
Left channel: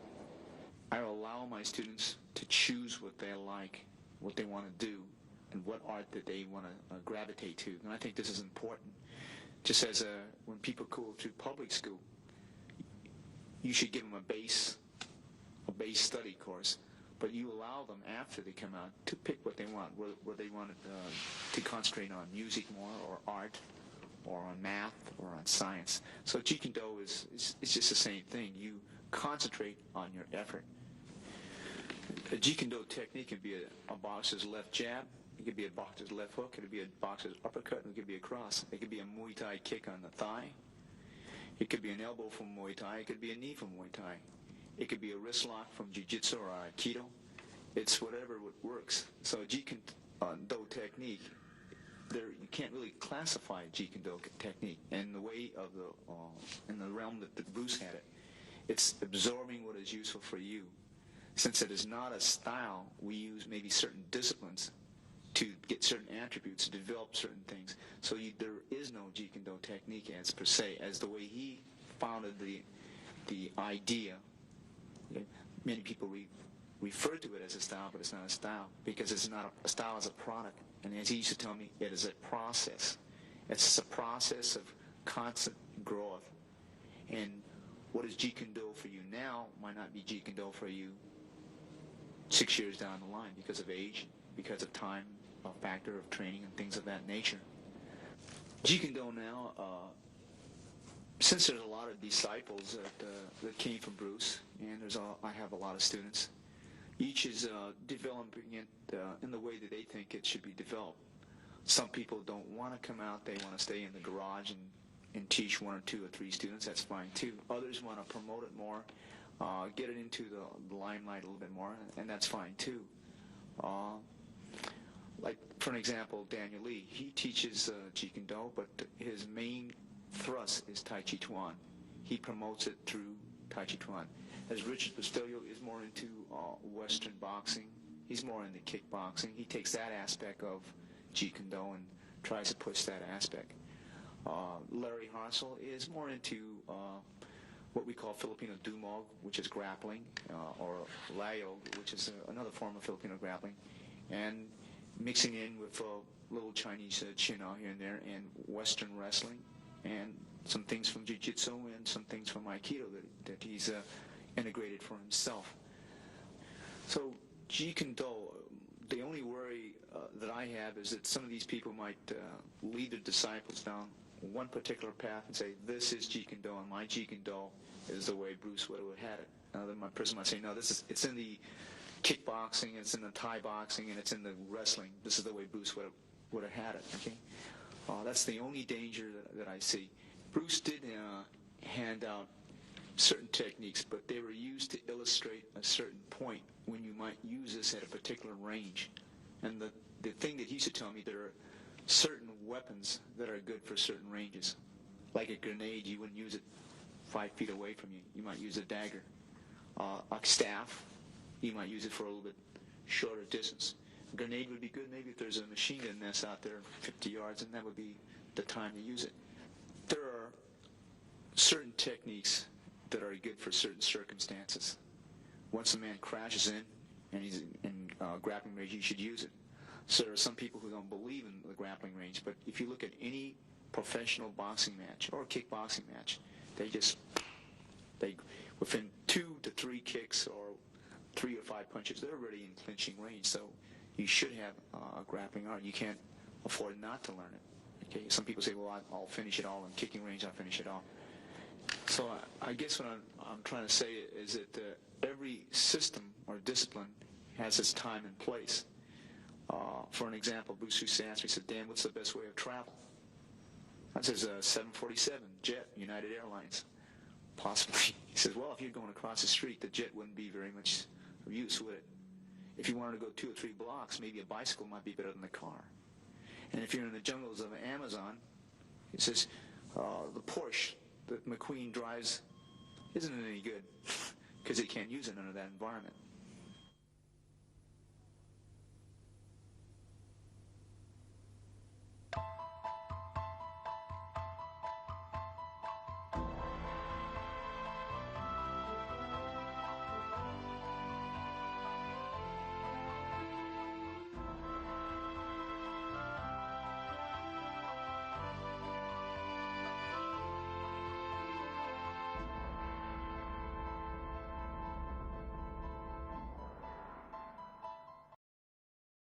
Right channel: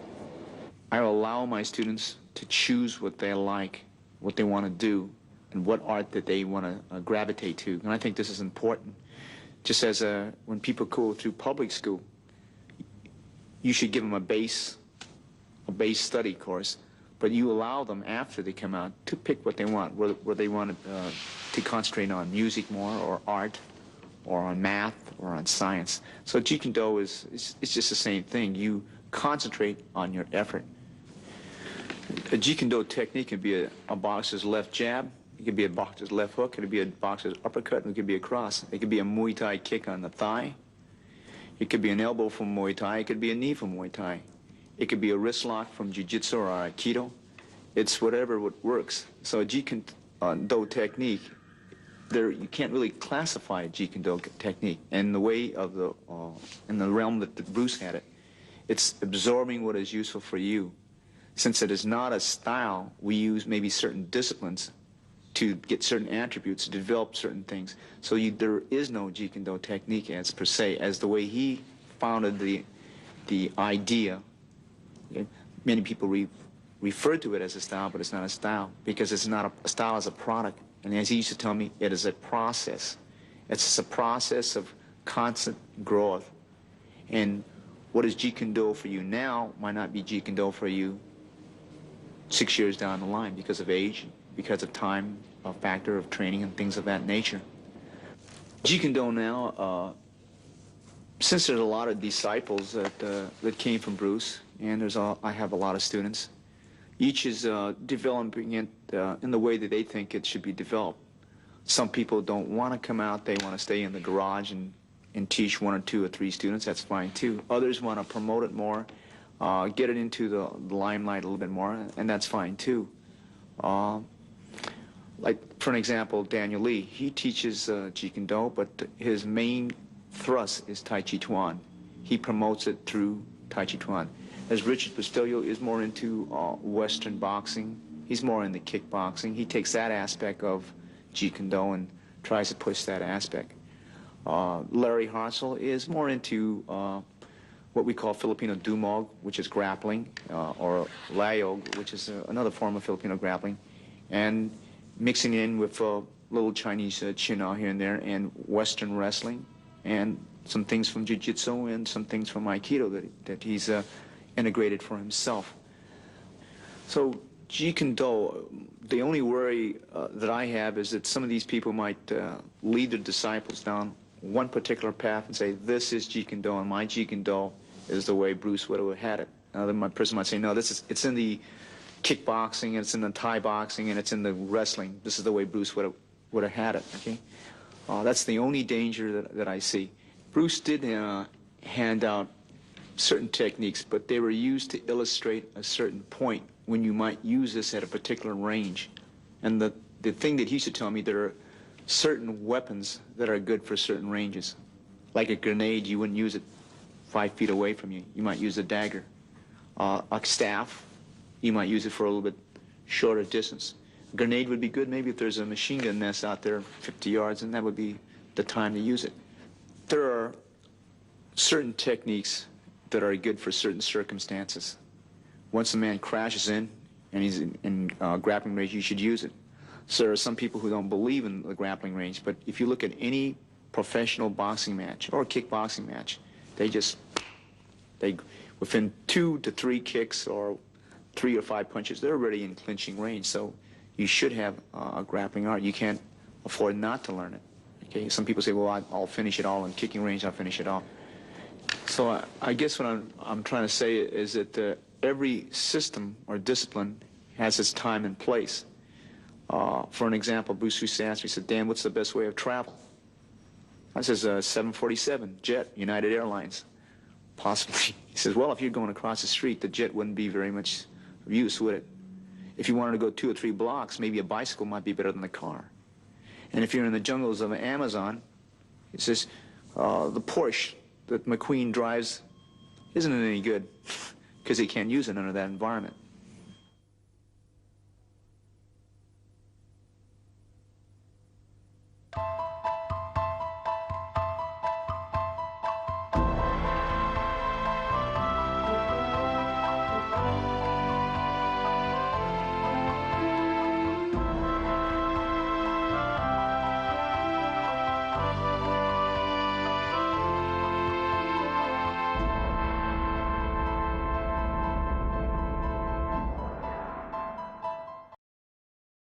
I allow my students to choose what they like, what they want to do, and what art that they want to gravitate to. And I think this is important. Just as when people go through public school, you should give them a base study course, but you allow them after they come out to pick what they want, whether they want to concentrate on music more, or art, or on math, or on science. So Jeet Kune is just the same thing. You concentrate on your effort. A Jeet Kune technique can be a boxer's left jab, it could be a boxer's left hook, it could be a boxer's uppercut, and it could be a cross. It could be a Muay Thai kick on the thigh. It could be an elbow from Muay Thai. It could be a knee from Muay Thai. It could be a wrist lock from Jiu-Jitsu or Aikido. It's whatever works. So a Jeet Kune technique, you can't really classify a Jeet Kune technique. And the way of in the realm that Bruce had it, it's absorbing what is useful for you. Since it is not a style, we use maybe certain disciplines to get certain attributes, to develop certain things. So there is no Jeet Kune Do technique as per se, as the way he founded the idea. Okay? Many people refer to it as a style, but it's not a style, because it's not a style as a product. And as he used to tell me, it is a process. It's a process of constant growth. And what is Jeet Kune Do for you now might not be Jeet Kune Do for you 6 years down the line, because of age, because of time, a factor of training and things of that nature. Jeet Kune Do now, since there's a lot of disciples that came from Bruce, and I have a lot of students, each is developing it in the way that they think it should be developed. Some people don't want to come out, they want to stay in the garage and teach 1 or 2 or 3 students, that's fine too. Others want to promote it more, get it into the limelight a little bit more, and that's fine too. Like, for an example, Daniel Lee, he teaches Jeet Kune Do, but his main thrust is Tai Chi Chuan. He promotes it through Tai Chi Chuan. As Richard Bustillo is more into Western boxing, he's more into kickboxing. He takes that aspect of Jeet Kune Do and tries to push that aspect. Larry Harsel is more into what we call Filipino Dumog, which is grappling, or Layog, which is another form of Filipino grappling, and mixing in with a little Chinese Chin-A here and there, and Western wrestling, and some things from Jiu-Jitsu and some things from Aikido that he's integrated for himself. So Jeet Kune Do, the only worry that I have is that some of these people might lead their disciples down one particular path and say, this is Jeet Kune Do, and my Jeet Kune Do is the way Bruce would have had it. Then my person might say, no, it's in the kickboxing, it's in the Thai boxing, and it's in the wrestling. This is the way Bruce would have had it, okay? That's the only danger that I see. Bruce did hand out certain techniques, but they were used to illustrate a certain point when you might use this at a particular range. And the thing that he used to tell me, there are certain weapons that are good for certain ranges. Like a grenade, you wouldn't use it 5 feet away from you. You might use a dagger. A staff, you might use it for a little bit shorter distance. A grenade would be good maybe if there's a machine gun nest out there 50 yards, and that would be the time to use it. There are certain techniques that are good for certain circumstances. Once a man crashes in and he's in grappling range, you should use it. So there are some people who don't believe in the grappling range, but if you look at any professional boxing match or kickboxing match, they within 2 to 3 kicks or 3 or 5 punches, they're already in clinching range. So you should have a grappling art. You can't afford not to learn it. Okay, some people say, well, I'll finish it all in kicking range. I'll finish it all. So I guess what I'm trying to say is that every system or discipline has its time and place. For an example, Bruce used to ask me, he said, Dan, what's the best way of travel? I says, 747, jet, United Airlines. Possibly. He says, well, if you're going across the street, the jet wouldn't be very much of use, would it? If you wanted to go 2 or 3 blocks, maybe a bicycle might be better than the car. And if you're in the jungles of the Amazon, he says, the Porsche that McQueen drives isn't any good because he can't use it under that environment.